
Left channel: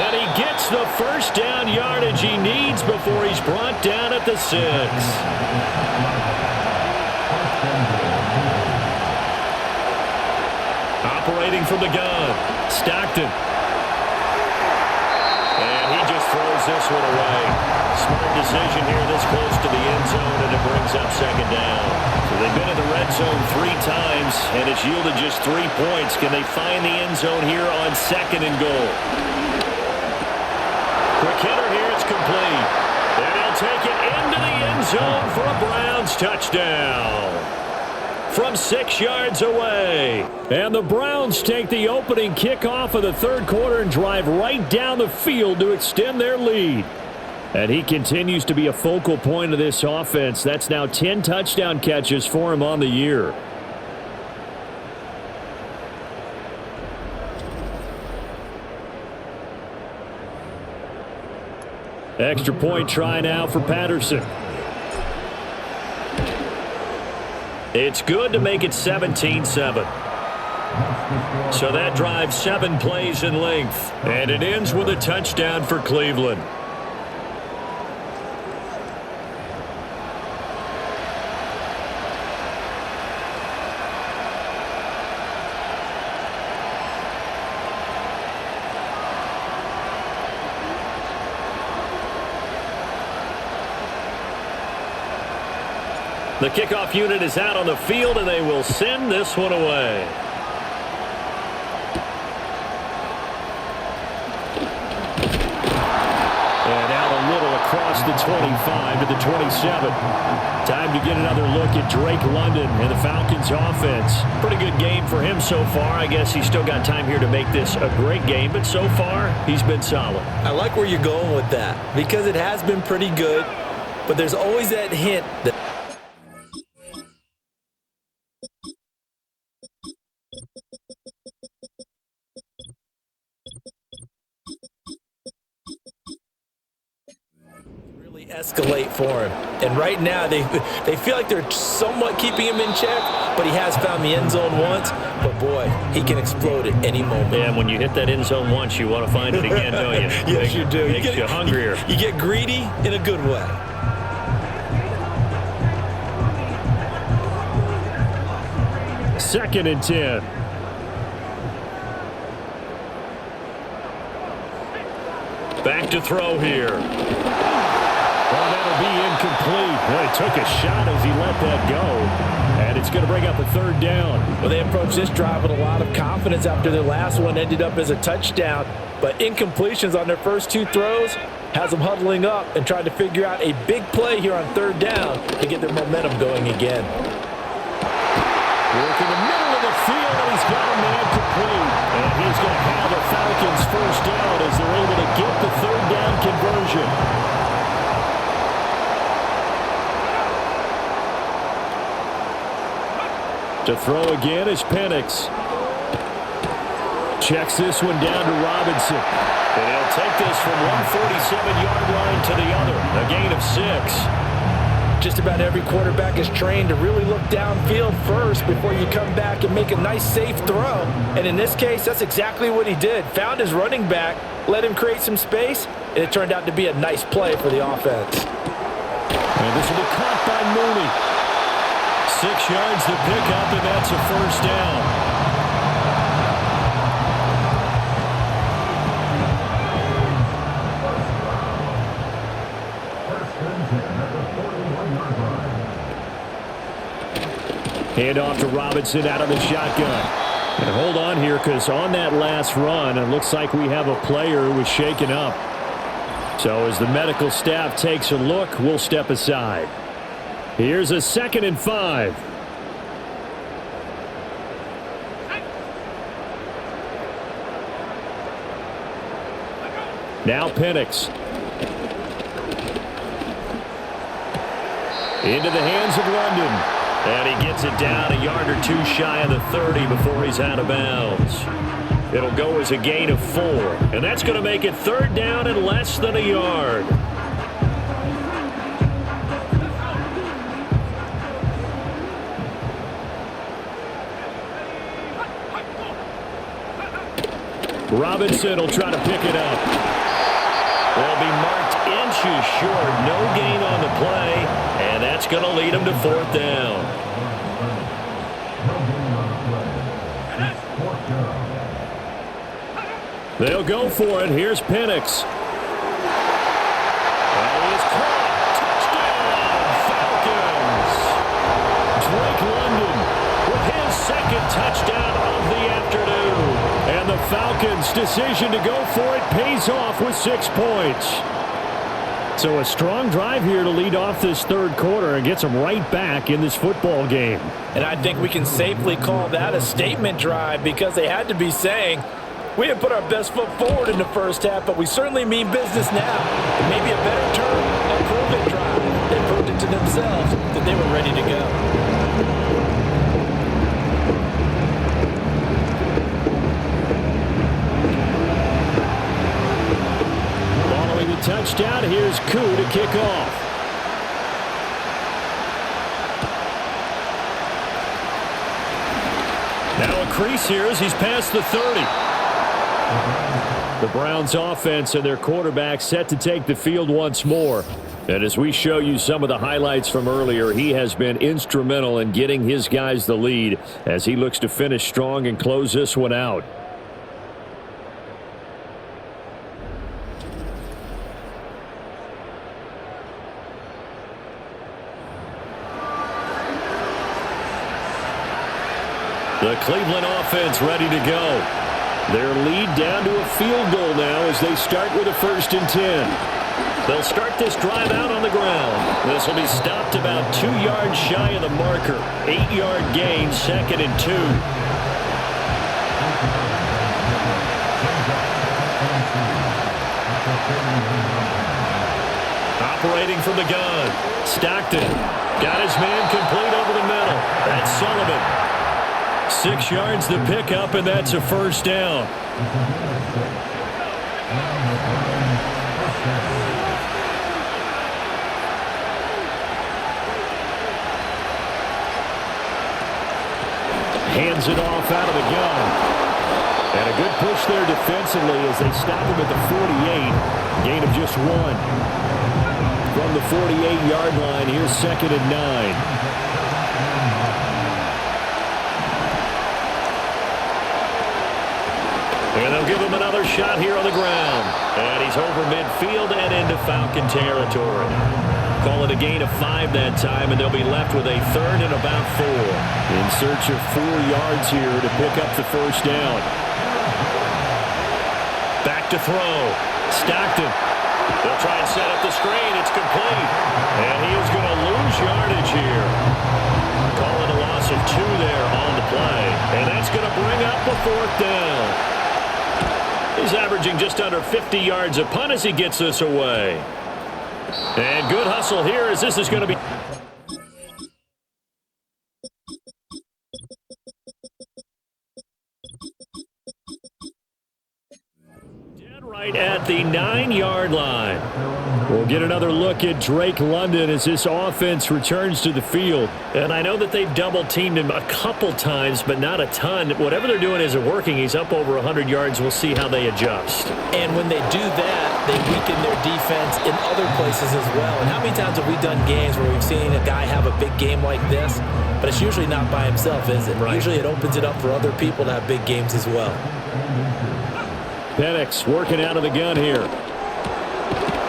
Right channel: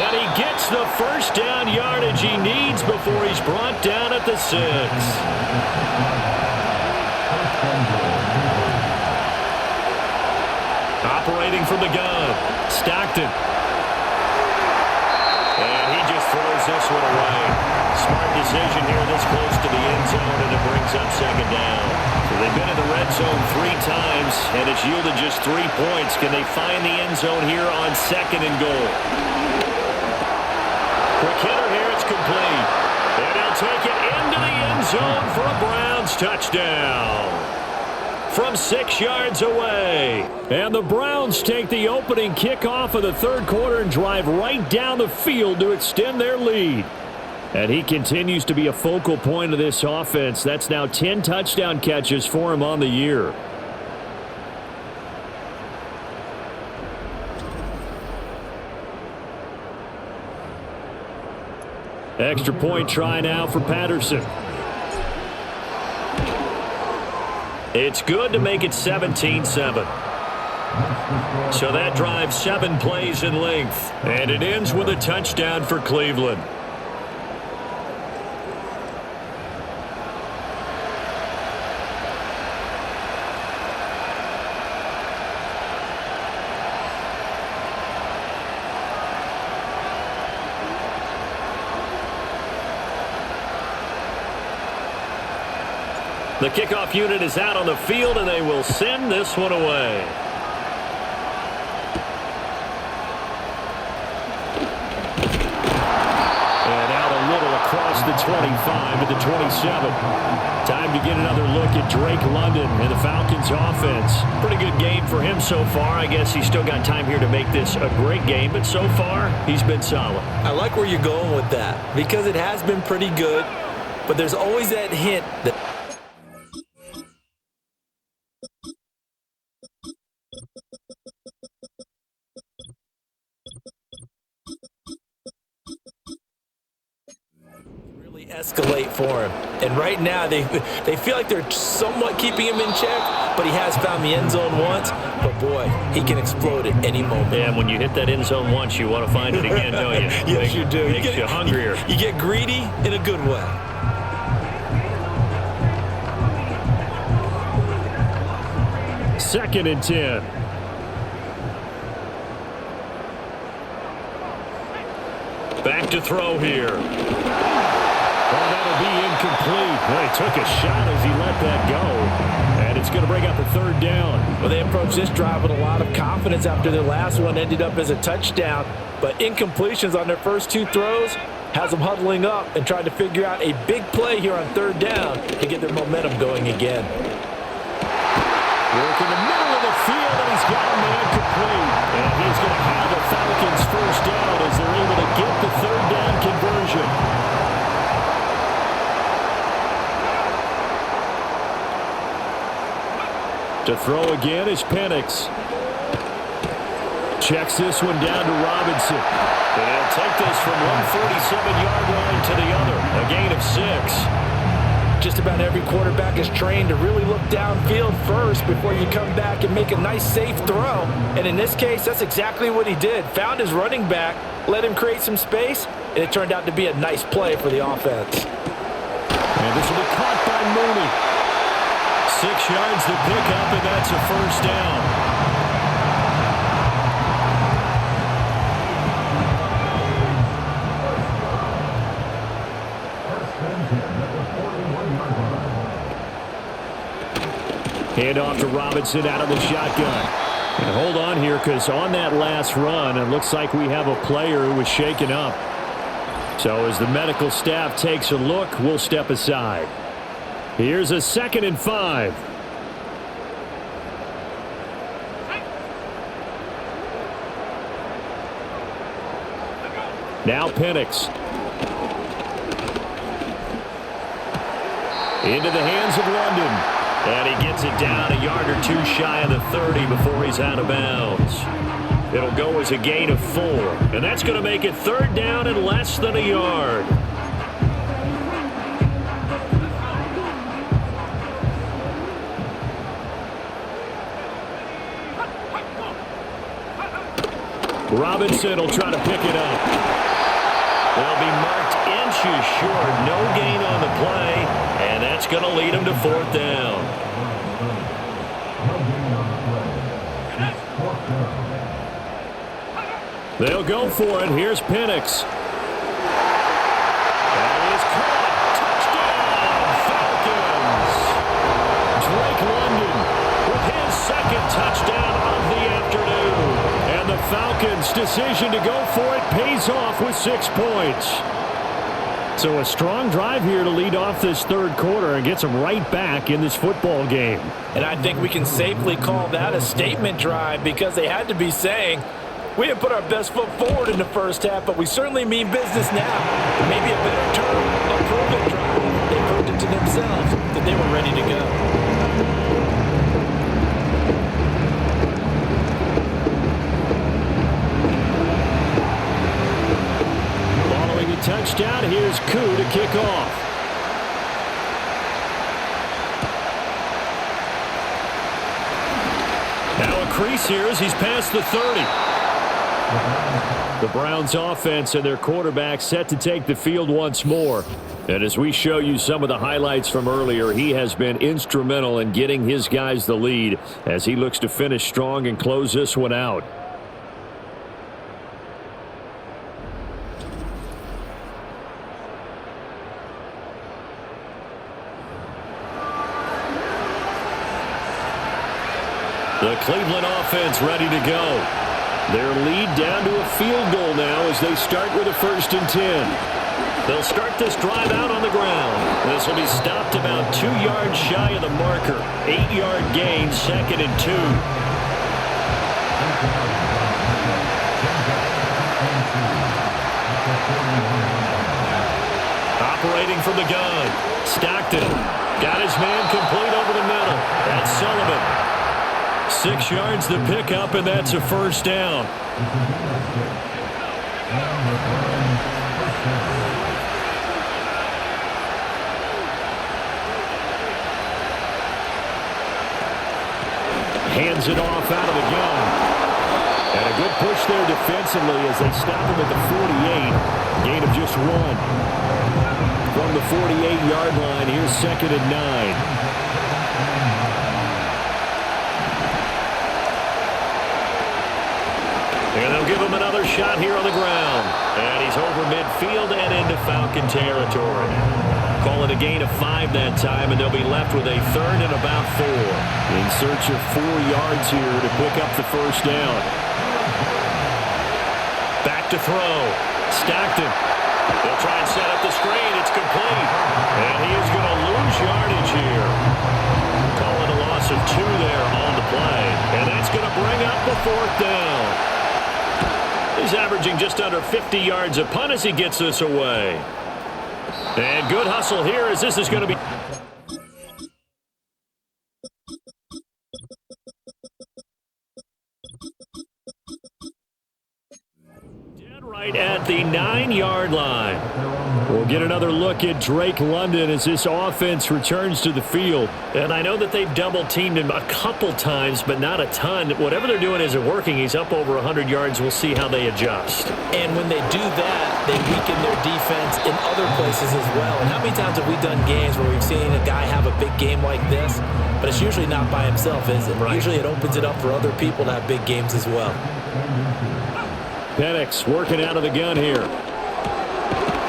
And he gets the 1st down yardage he needs before he's brought down at the 6. Operating from the gun, Stockton. And he just throws this one away. Smart decision here this close to the end zone, and it brings up 2nd down. So they've been in the red zone 3 times, and it's yielded just 3 points. Can they find the end zone here on 2nd and goal? Quick hitter here, it's complete. And he'll take it into the end zone for a Browns touchdown. From 6 yards away. And the Browns take the opening kickoff of the 3rd quarter and drive right down the field to extend their lead. And he continues to be a focal point of this offense. That's now 10 touchdown catches for him on the year. Extra point try now for Patterson. It's good to make it 17-7. So that drives 7 plays in length. And it ends with a touchdown for Cleveland. The kickoff unit is out on the field, and they will send this one away. And out a little across the 25 to the 27. Time to get another look at Drake London and the Falcons offense. Pretty good game for him so far. I guess he's still got time here to make this a great game, but so far he's been solid. I like where you're going with that because it has been pretty good, but there's always that hint that escalate for him. And right now they feel like they're somewhat keeping him in check, but he has found the end zone once. But boy, he can explode at any moment. Yeah, and when you hit that end zone once, you want to find it again, don't you? Yes, you do. Makes you hungrier. You get greedy in a good way. 2nd and 10. Back to throw here. Oh, that'll be incomplete. He took a shot as he let that go. And it's going to bring up a 3rd down. Well, they approached this drive with a lot of confidence after their last one ended up as a touchdown. But incompletions on their first 2 throws has them huddling up and trying to figure out a big play here on 3rd down to get their momentum going again. Work in the middle of the field, and he's got a man complete. And he's going to have a Falcons 1st down as they're able to get the 3rd down conversion. To throw again is Penix. Checks this one down to Robinson. And he'll take this from 147-yard line to the other. A gain of 6. Just about every quarterback is trained to really look downfield first before you come back and make a nice, safe throw. And in this case, that's exactly what he did. Found his running back, let him create some space, and it turned out to be a nice play for the offense. And this will be caught by Mooney. 6 yards to pick up, and that's a 1st down. Hand off to Robinson out of the shotgun. And hold on here, because on that last run, it looks like we have a player who was shaken up. So as the medical staff takes a look, we'll step aside. Here's a 2nd and 5. Now Penix. Into the hands of London. And he gets it down a yard or 2 shy of the 30 before he's out of bounds. It'll go as a gain of 4. And that's going to make it 3rd down and less than a yard. Robinson will try to pick it up. They'll be marked inches short. No gain on the play. And that's going to lead them to 4th down. They'll go for it. Here's Penix. That is caught. Touchdown, Falcons. Drake London with his 2nd touchdown of the afternoon. And the Falcons' decision to go for it pays off with 6 points. So a strong drive here to lead off this 3rd quarter and gets them right back in this football game. And I think we can safely call that a statement drive because they had to be saying, we didn't put our best foot forward in the first half, but we certainly mean business now. Maybe a better term, a prove-it drive. They proved it to themselves that they were ready to go. Touchdown. Here's Koo to kick off. Now a crease here as he's past the 30. The Browns offense and their quarterback set to take the field once more. And as we show you some of the highlights from earlier, he has been instrumental in getting his guys the lead as he looks to finish strong and close this one out. The Cleveland offense ready to go. Their lead down to a field goal now as they start with a 1st and 10. They'll start this drive out on the ground. This will be stopped about 2 yards shy of the marker. 8-yard gain, 2nd and 2. Operating from the gun. Stockton got his man complete over the middle. That's Sullivan. 6 yards to pick up, and that's a 1st down. Hands it off out of the gun. And a good push there defensively as they stop him at the 48. Gain of just 1. From the 48-yard line, here's 2nd and 9. And they'll give him another shot here on the ground. And he's over midfield and into Falcon territory. Call it a gain of 5 that time, and they'll be left with a third and about 4. In search of 4 yards here to pick up the first down. Back to throw. Stockton. They'll try and set up the screen. It's complete. And he is going to lose yardage here. Call it a loss of 2 there on the play. And that's going to bring up a 4th down. He's averaging just under 50 yards a punt as he gets this away. And good hustle here as this is going to be... Dead right at the 9-yard line. We'll get another look at Drake London as this offense returns to the field. And I know that they've double-teamed him a couple times, but not a ton. Whatever they're doing isn't working. He's up over 100 yards. We'll see how they adjust. And when they do that, they weaken their defense in other places as well. And how many times have we done games where we've seen a guy have a big game like this, but it's usually not by himself, is it? Right. Usually it opens it up for other people to have big games as well. Penix working out of the gun here.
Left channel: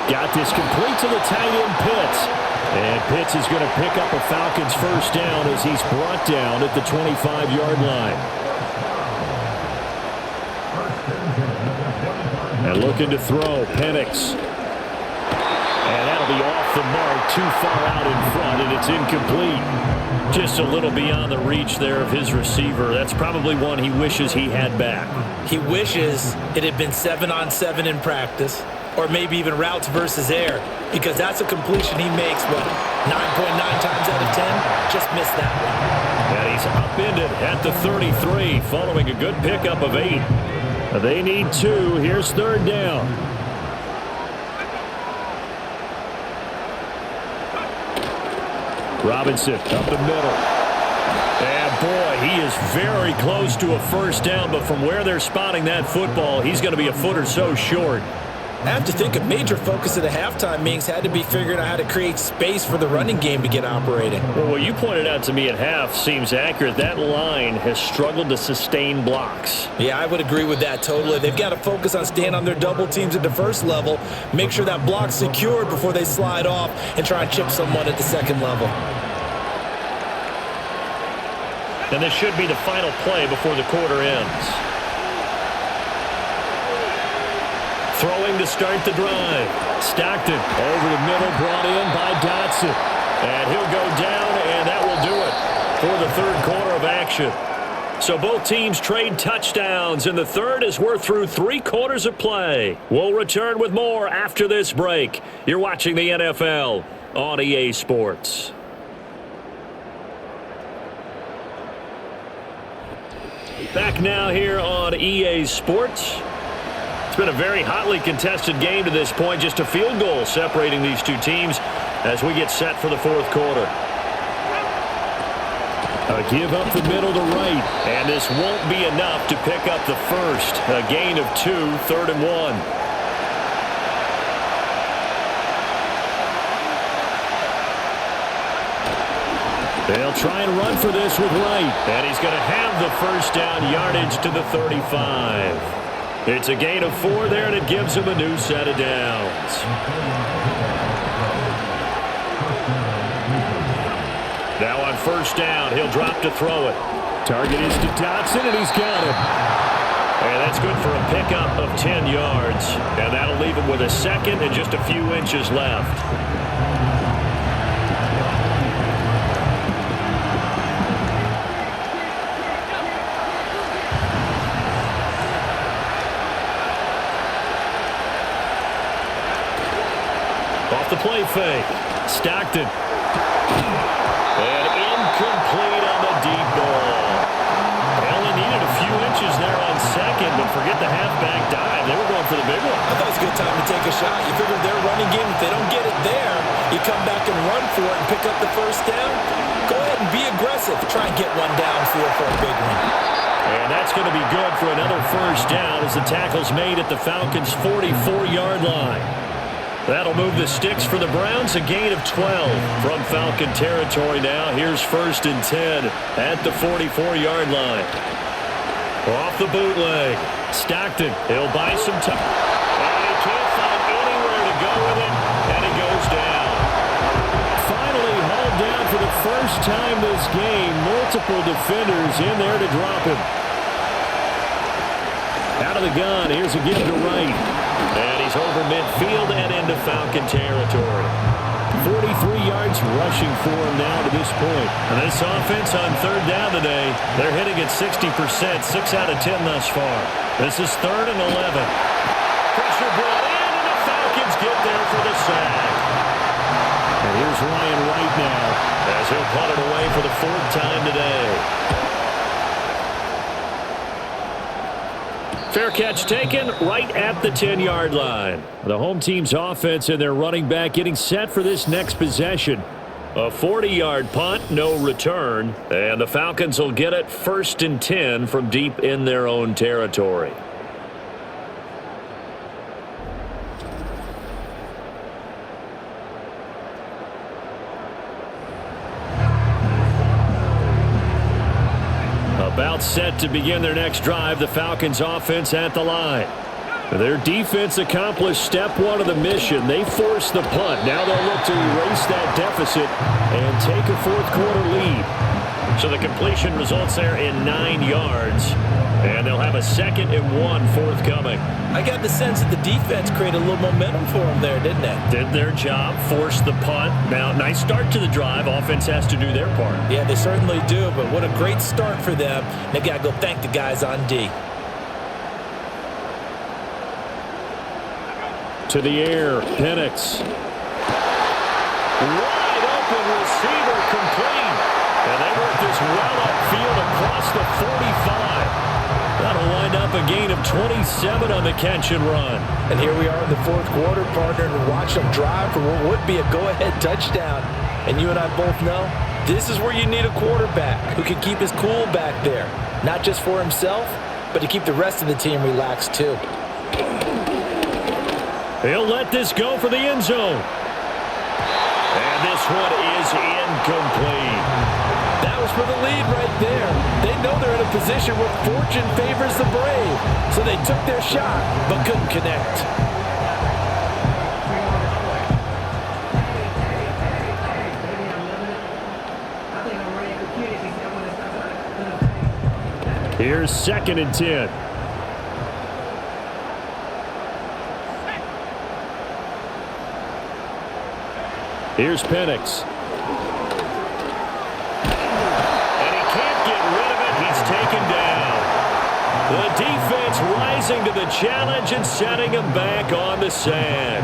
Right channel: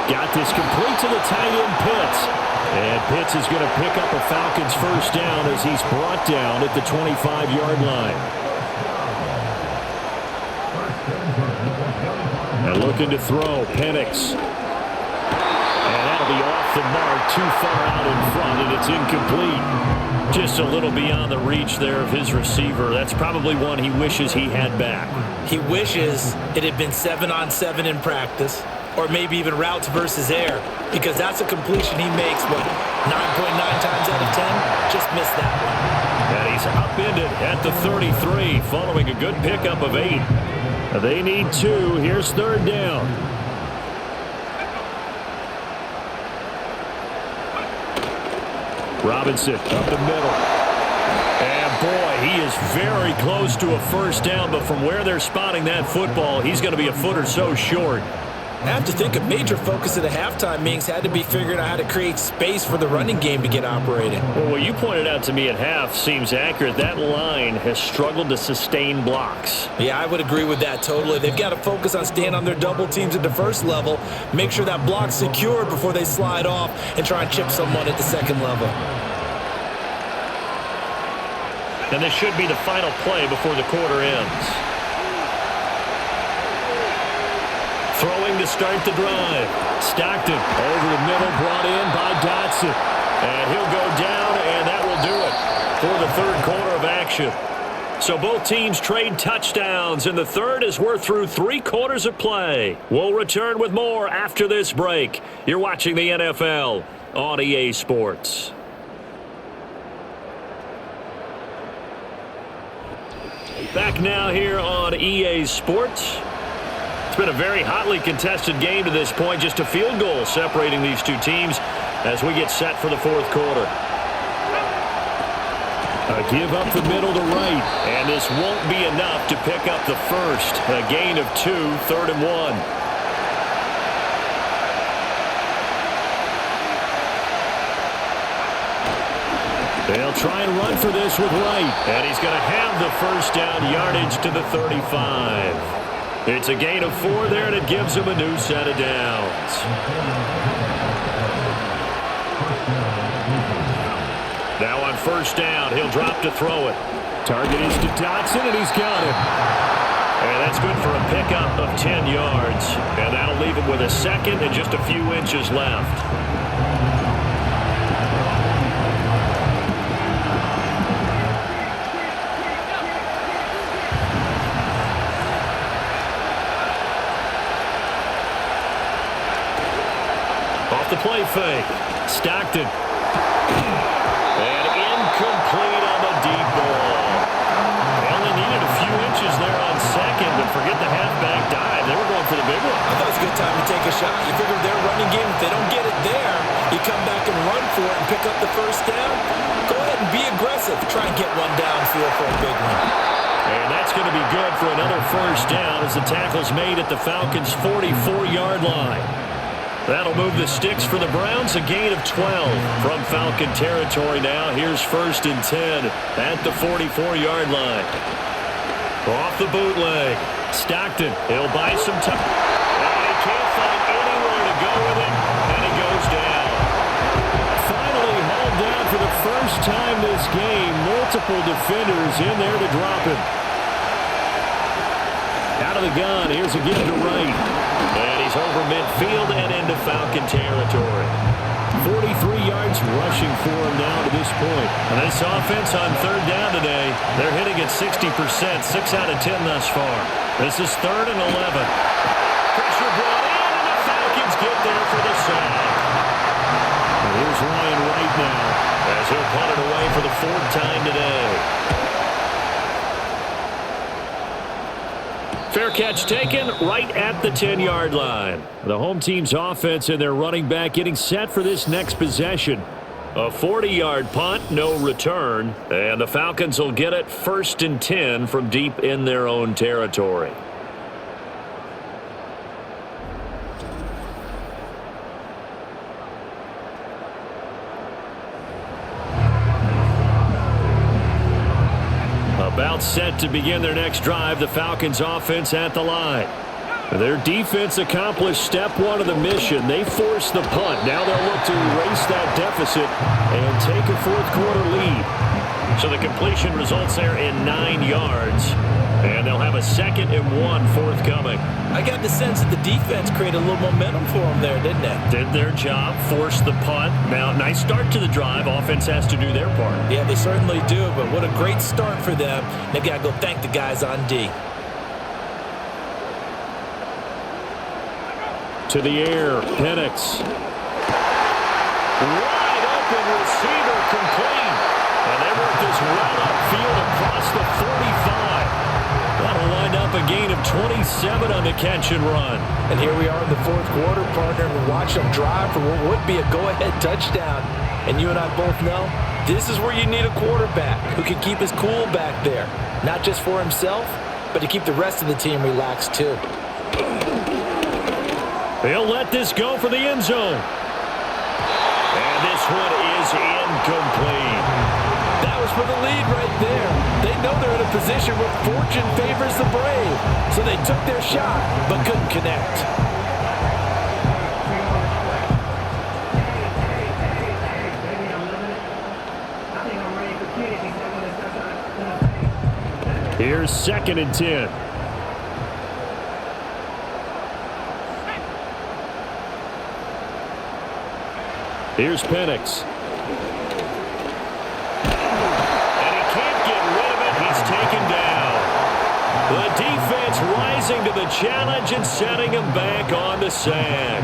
Got this complete to the tight end Pitts. And Pitts is going to pick up a Falcons first down as he's brought down at the 25-yard line. And looking to throw, Penix. And that'll be off the mark, too far out in front, and it's incomplete. Just a little beyond the reach there of his receiver. That's probably one he wishes he had back. He wishes it had been 7-on-7 in practice, or maybe even routes versus air, because that's a completion he makes, 9.9 times out of 10? Just missed that one. And he's upended at the 33 following a good pickup of 8. They need 2. Here's 3rd down. Robinson up the middle. And boy, he is very close to a first down, but from where they're spotting that football, he's going to be a foot or so short. I have to think a major focus of the halftime meetings had to be figuring out how to create space for the running game to get operating. Well, what you pointed out to me at half seems accurate. That line has struggled to sustain blocks. Yeah, I would agree with that totally. They've got to focus on staying on their double teams at the first level, make sure that block's secured before they slide off and try and chip someone at the second level. And this should be the final play before the quarter ends. Throwing to start the drive. Stockton over the middle, brought in by Dotson. And he'll go down, and that will do it for the third quarter of action. So both teams trade touchdowns in the third as we're through 3 quarters of play. We'll return with more after this break. You're watching the NFL on EA Sports. Back now here on EA Sports. It's been a very hotly contested game to this point. Just a field goal separating these two teams as we get set for the fourth quarter. A give up the middle to right. And this won't be enough to pick up the first. A gain of 2, 3rd and 1. They'll try and run for this with Wright. And he's going to have the first down yardage to the 35. It's a gain of 4 there, and it gives him a new set of downs. Now on first down, he'll drop to throw it. Target is to Dotson, and he's got him. And that's good for a pickup of 10 yards. And that'll leave him with a second and just a few inches left. Off the play fake. Stockton. And incomplete on the deep ball. They only needed a few inches there on second, but forget the halfback dive. They were going for the big one. I thought it was a good time to take a shot. You figure their running game, if they don't get it there, you come back and run for it and pick up the first down. Go ahead and be aggressive. Try and get one downfield for a big one. And that's going to be good for another first down as the tackle's made at the Falcons' 44-yard line. That'll move the sticks for the Browns, a gain of 12 from Falcon territory now. Here's 1st and 10 at the 44-yard line. Off the bootleg. Stockton, he'll buy some time. And he can't find anywhere to go with it, and he goes down. Finally hauled down for the first time this game. Multiple defenders in there to drop him. Out of the gun, here's a give to Wright. And he's over midfield and into Falcon territory. 43 yards rushing for him now to this point. And this offense on third down today, they're hitting at 60%, 6 out of 10 thus far. This is 3rd and 11. Pressure brought in, and the Falcons get there for the sack. And here's Ryan Wright now as he'll punt it away for the 4th time today. Fair catch taken right at the 10-yard line. The home team's offense and their running back getting set for this next possession. A 40-yard punt, no return. And the Falcons will get it 1st and 10 from deep in their own territory. About set to begin their next drive, the Falcons offense at the line. Their defense accomplished step 1 of the mission. They forced the punt. Now they'll look to erase that deficit and take a 4th quarter lead. So the completion results there in 9 yards. And they'll have a 2nd and 1 forthcoming. I got the sense that the defense created a little momentum for them there, didn't they? Did their job, forced the punt. Now, nice start to the drive. Offense has to do their part. Yeah, they certainly do, but what a great start for them. They've got to go thank the guys on D. To the air, Penix. Wide open receiver complete. And they work this well upfield across the 45. That'll wind up a gain of 27 on the catch and run. And here we are in the 4th quarter, partner, and watch them drive for what would be a go-ahead touchdown. And you and I both know this is where you need a quarterback who can keep his cool back there. Not just for himself, but to keep the rest of the team relaxed too. He'll let this go for the end zone. And this one is incomplete. That was for the lead right there. They know they're in a position where fortune favors the brave. So they took their shot, but couldn't connect. Here's 2nd and 10. Here's Penix. And he can't get rid of it. He's taken down. The defense rising to the challenge and setting him back on the sack.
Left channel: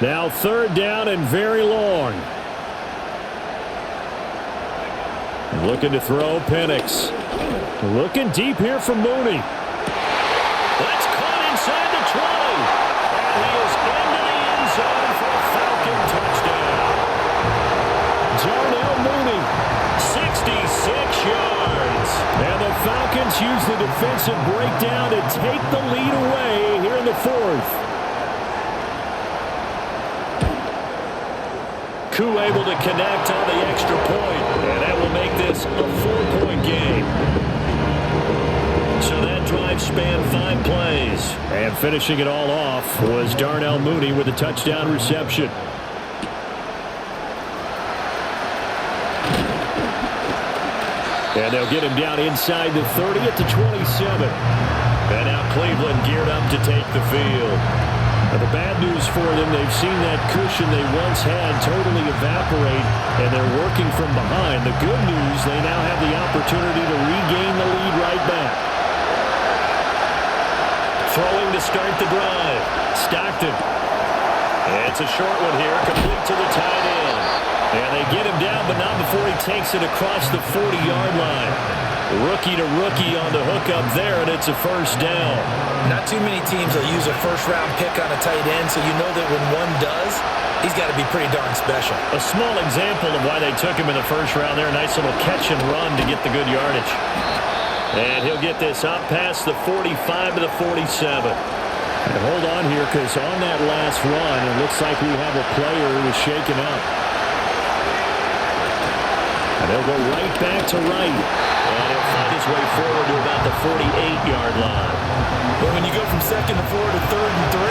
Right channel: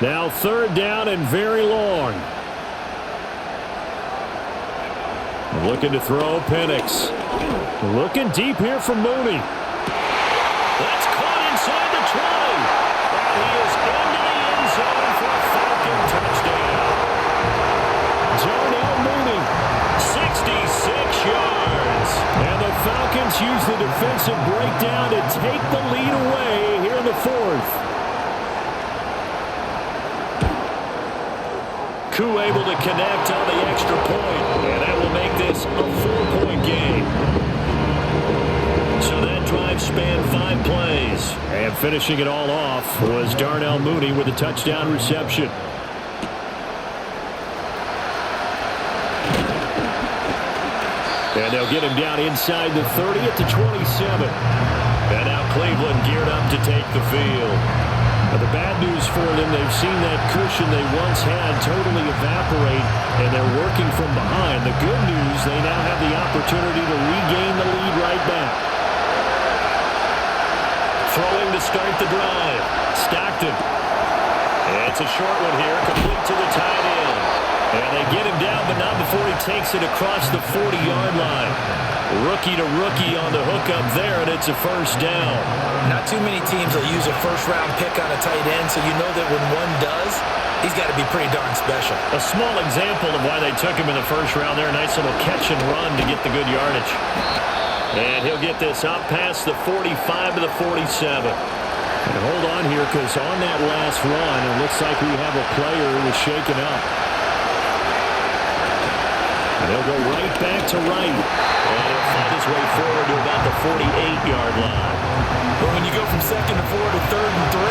Now 3rd down and very long. And looking to throw, Penix. Looking deep here for Mooney. That's caught inside the 20. And he is into the end zone for a Falcon touchdown. Darnell Mooney, 66 yards. And the Falcons use the defensive breakdown to take the lead away here in the 4th. Koo able to connect on the extra point, and that will make this a 4-point game. So that drive spanned 5 plays. And finishing it all off was Darnell Mooney with a touchdown reception. And they'll get him down inside the 30 at the 27. And now Cleveland geared up to take the field. But the bad news for them, they've seen that cushion they once had totally evaporate, and they're working from behind. The good news, they now have the opportunity to regain the lead right back. Throwing to start the drive. Stockton. It's a short one here, complete to the tight end. And they get him down, but not before he takes it across the 40-yard line. Rookie to rookie on the hookup there, and it's a 1st down. Not too many teams will use a 1st-round pick on a tight end, so you know that when one does, he's got to be pretty darn special. A small example of why they took him in the 1st round there. Nice little catch and run to get the good yardage. And he'll get this up past the 45 to the 47. And hold on here, because on that last run, it looks like we have a player who was shaken up. And they'll go right back to right. And he'll find his way forward to about the 48-yard line. But when you go from 2nd and 4 to 3rd and 3,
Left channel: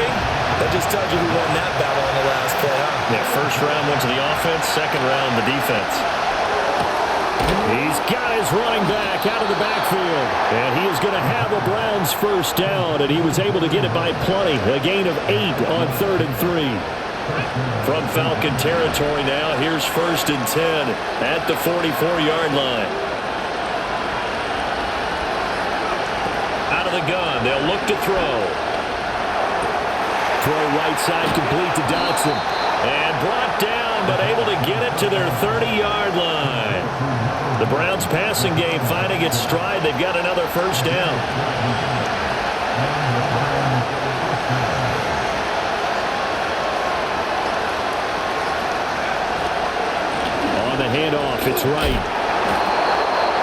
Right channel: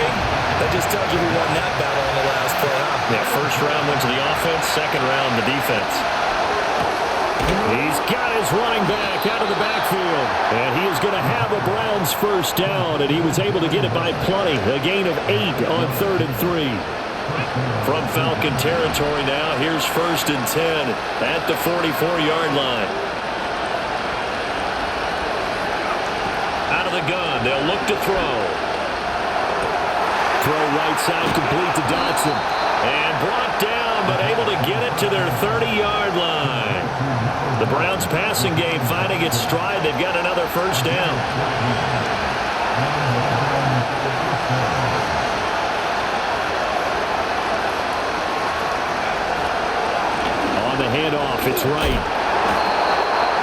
that just tells you who won that battle on the last play, huh? Yeah, first round went to the offense, second round the defense. He's got his running back out of the backfield. And he is going to have a Browns first down, and he was able to get it by plenty. A gain of 8 on 3rd and 3. From Falcon territory now, here's 1st and 10 at the 44-yard line. Out of the gun, they'll look to throw. Throw right side complete to Dotson. And brought down, but able to get it to their 30-yard line. The Browns passing game finding its stride. They've got another first down. On the handoff, it's right.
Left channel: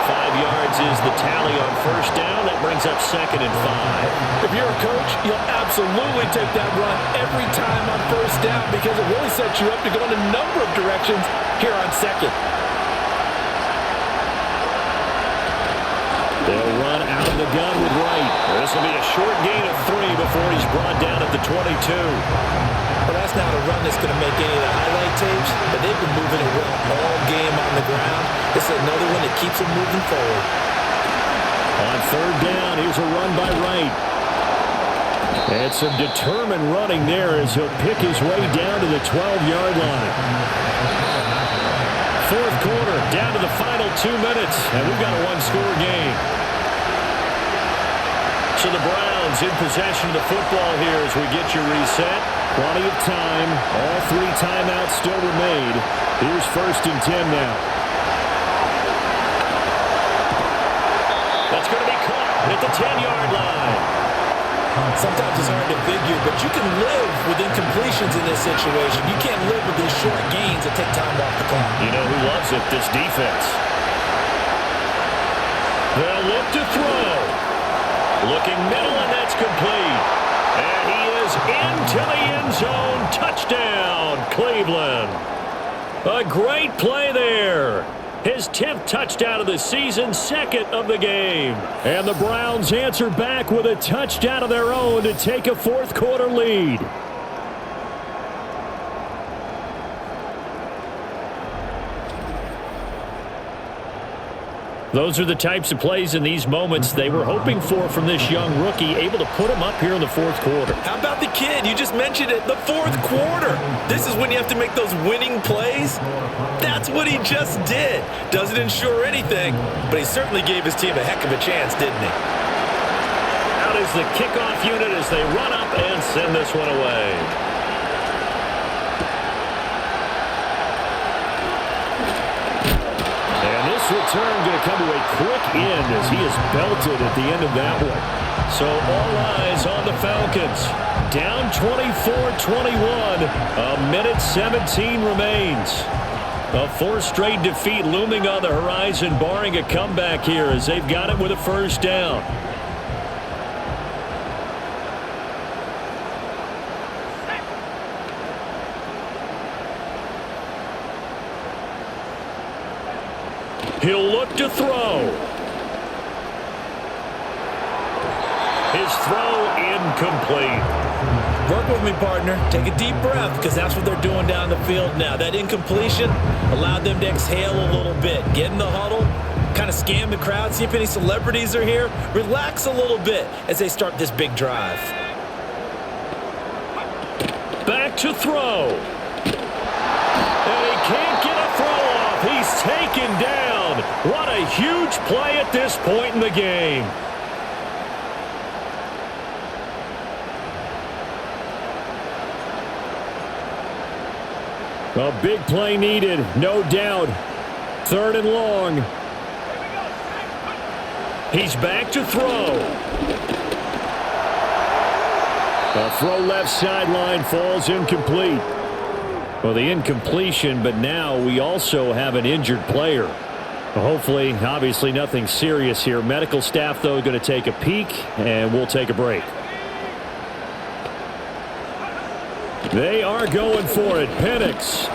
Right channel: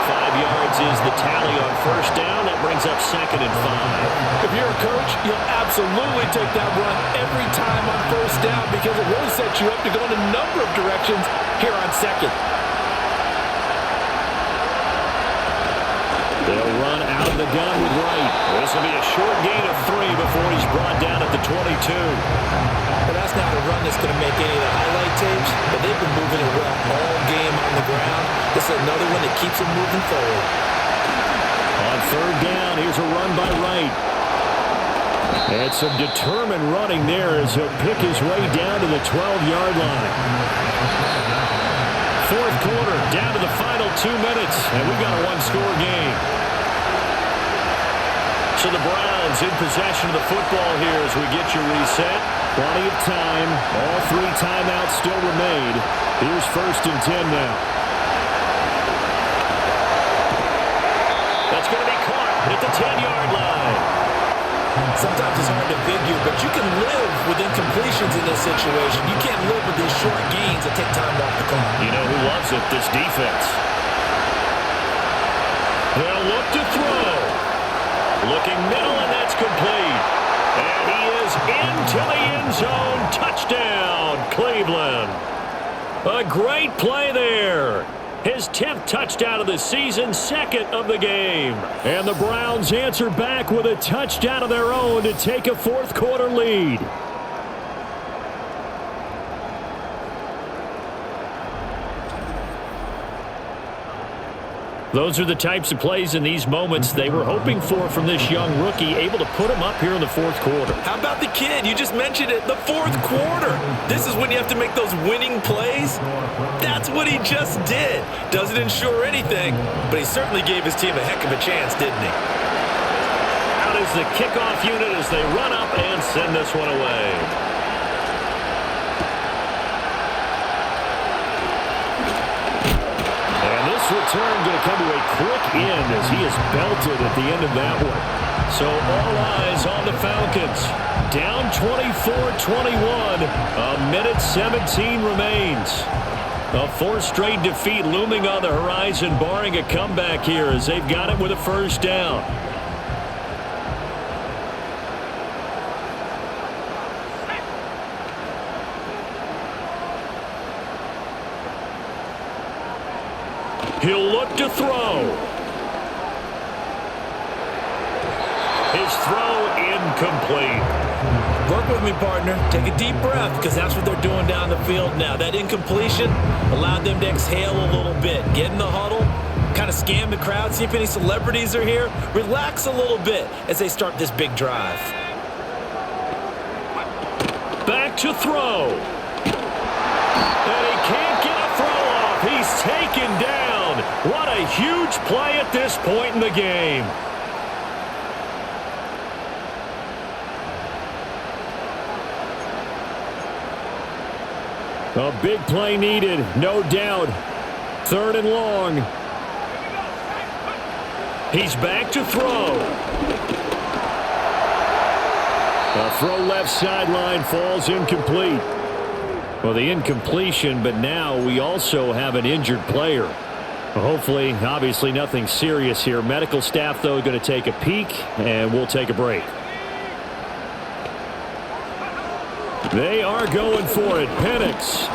5 yards is the tally on first down. That brings up 2nd and 5. If you're a coach, you'll absolutely take that run every time on first down because it really sets you up to go in a number of directions here on 2nd. They'll run out of the gun with Wright. This will be a short gain of 3 before he's brought down at the 22. Well, that's not a run that's going to make any of the highlight tapes, but they've been moving it well all game on the ground. This is another one that keeps them moving forward. On 3rd down, here's a run by Wright. And some determined running there as he'll pick his way down to the 12-yard line. 4th quarter, down to the final 2 minutes, and we've got a one-score game. So the Browns in possession of the football here as we get you reset. Plenty of time. All 3 timeouts still remain. Here's 1st and 10 now. That's going to be caught at the 10-yard line. Sometimes it's hard to figure, but you can live with incompletions in this situation. You can't live with these short gains that take time off the clock. You know who loves it? This defense. They'll look to throw. Looking middle, and that's complete. And he is into the end zone. Touchdown, Cleveland. A great play there. His 10th touchdown of the season, 2nd of the game. And the Browns answer back with a touchdown of their own to take a 4th quarter lead. Those are the types of plays in these moments they were hoping for from this young rookie, able to put him up here in the 4th quarter. How about the kid? You just mentioned it, the 4th quarter. This is when you have to make those winning plays. That's what he just did. Doesn't ensure anything, but he certainly gave his team a heck of a chance, didn't he? Out is the kickoff unit as they run up and send this one away. And this return going to come to a quick end as he is belted at the end of that one. So all eyes on the Falcons. Down 24-21. A minute 17 remains. A 4th straight defeat looming on the horizon, barring a comeback here as they've got it with a first down. He'll look to throw. His throw incomplete. Work with me, partner. Take a deep breath because that's what they're doing down the field now. That incompletion allowed them to exhale a little bit. Get in the huddle, kind of scan the crowd, see if any celebrities are here. Relax a little bit as they start this big drive. Back to throw. And he can't get a throw off. He's taken down. What a huge play at this point in the game. A big play needed, no doubt. 3rd and long. He's back to throw. A throw left sideline falls incomplete. Well, the incompletion, but now we also have an injured player. Hopefully, obviously nothing serious here. Medical staff, though, going to take a peek, and we'll take a break. They are going for it. Penix.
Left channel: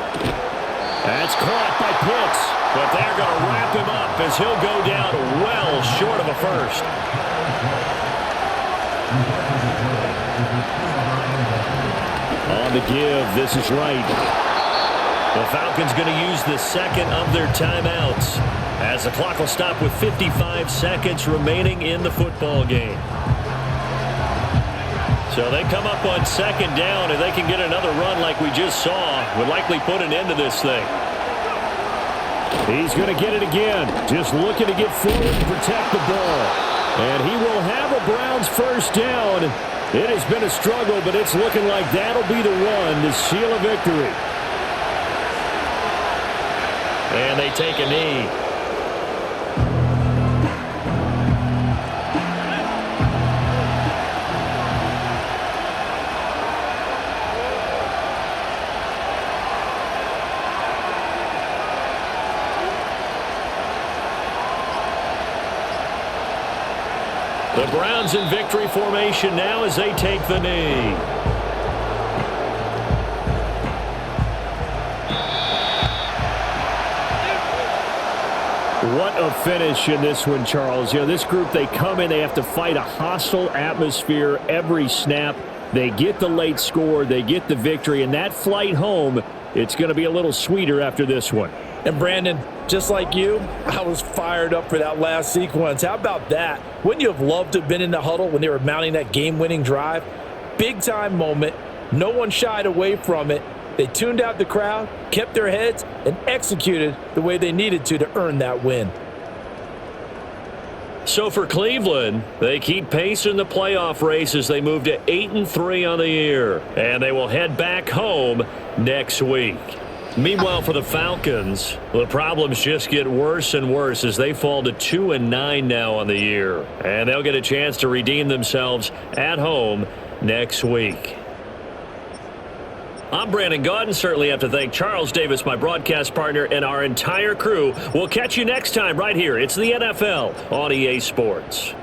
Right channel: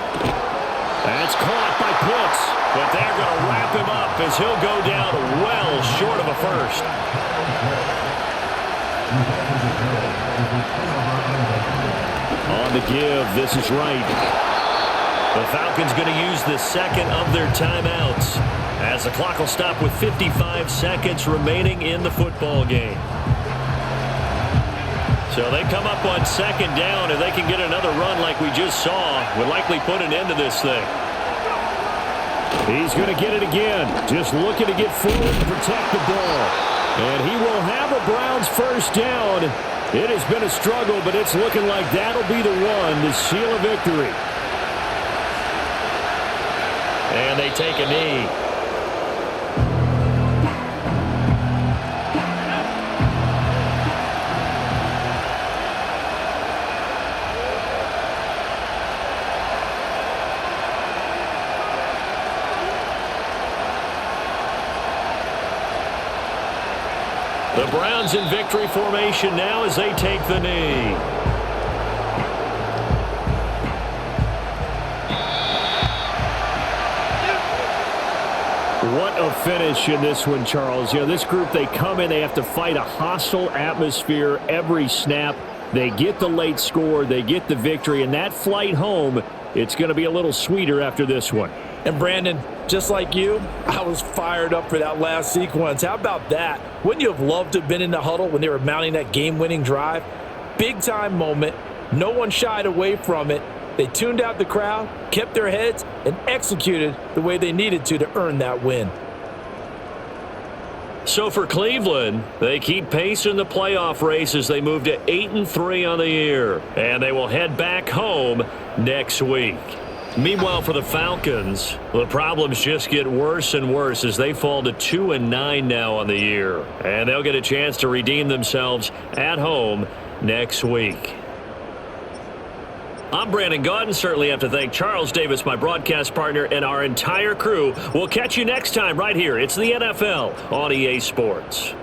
That's caught by Pitts. But they're going to wrap him up as he'll go down well short of a first. On the give, this is right. The Falcons going to use the second of their timeouts as the clock will stop with 55 seconds remaining in the football game. So they come up on second down, and they can get another run like we just saw. Would likely put an end to this thing. He's going to get it again. Just looking to get forward and protect the ball. And he will have a Browns first down. It has been a struggle, but it's looking like that'll be the one to seal a victory. And they take a knee. The Browns in victory formation now as they take the knee. What a finish in this one, Charles. You know, this group, they come in, they have to fight a hostile atmosphere every snap. They get the late score, they get the victory, and that flight home, it's going to be a little sweeter after this one. And Brandon, just like you, I was fired up for that last sequence. How about that? Wouldn't you have loved to have been in the huddle when they were mounting that game-winning drive? Big-time moment. No one shied away from it. They tuned out the crowd, kept their heads, and executed the way they needed to earn that win. So for Cleveland, they keep pace in the playoff race as they move to 8-3 on the year. And they will head back home next week. Meanwhile, for the Falcons, the problems just get worse and worse as they fall to 2-9 now on the year. And they'll get a chance to redeem themselves at home next week. I'm Brandon Gaudin. Certainly have to thank Charles Davis, my broadcast partner, and our entire crew. We'll catch you next time right here. It's the NFL on EA Sports.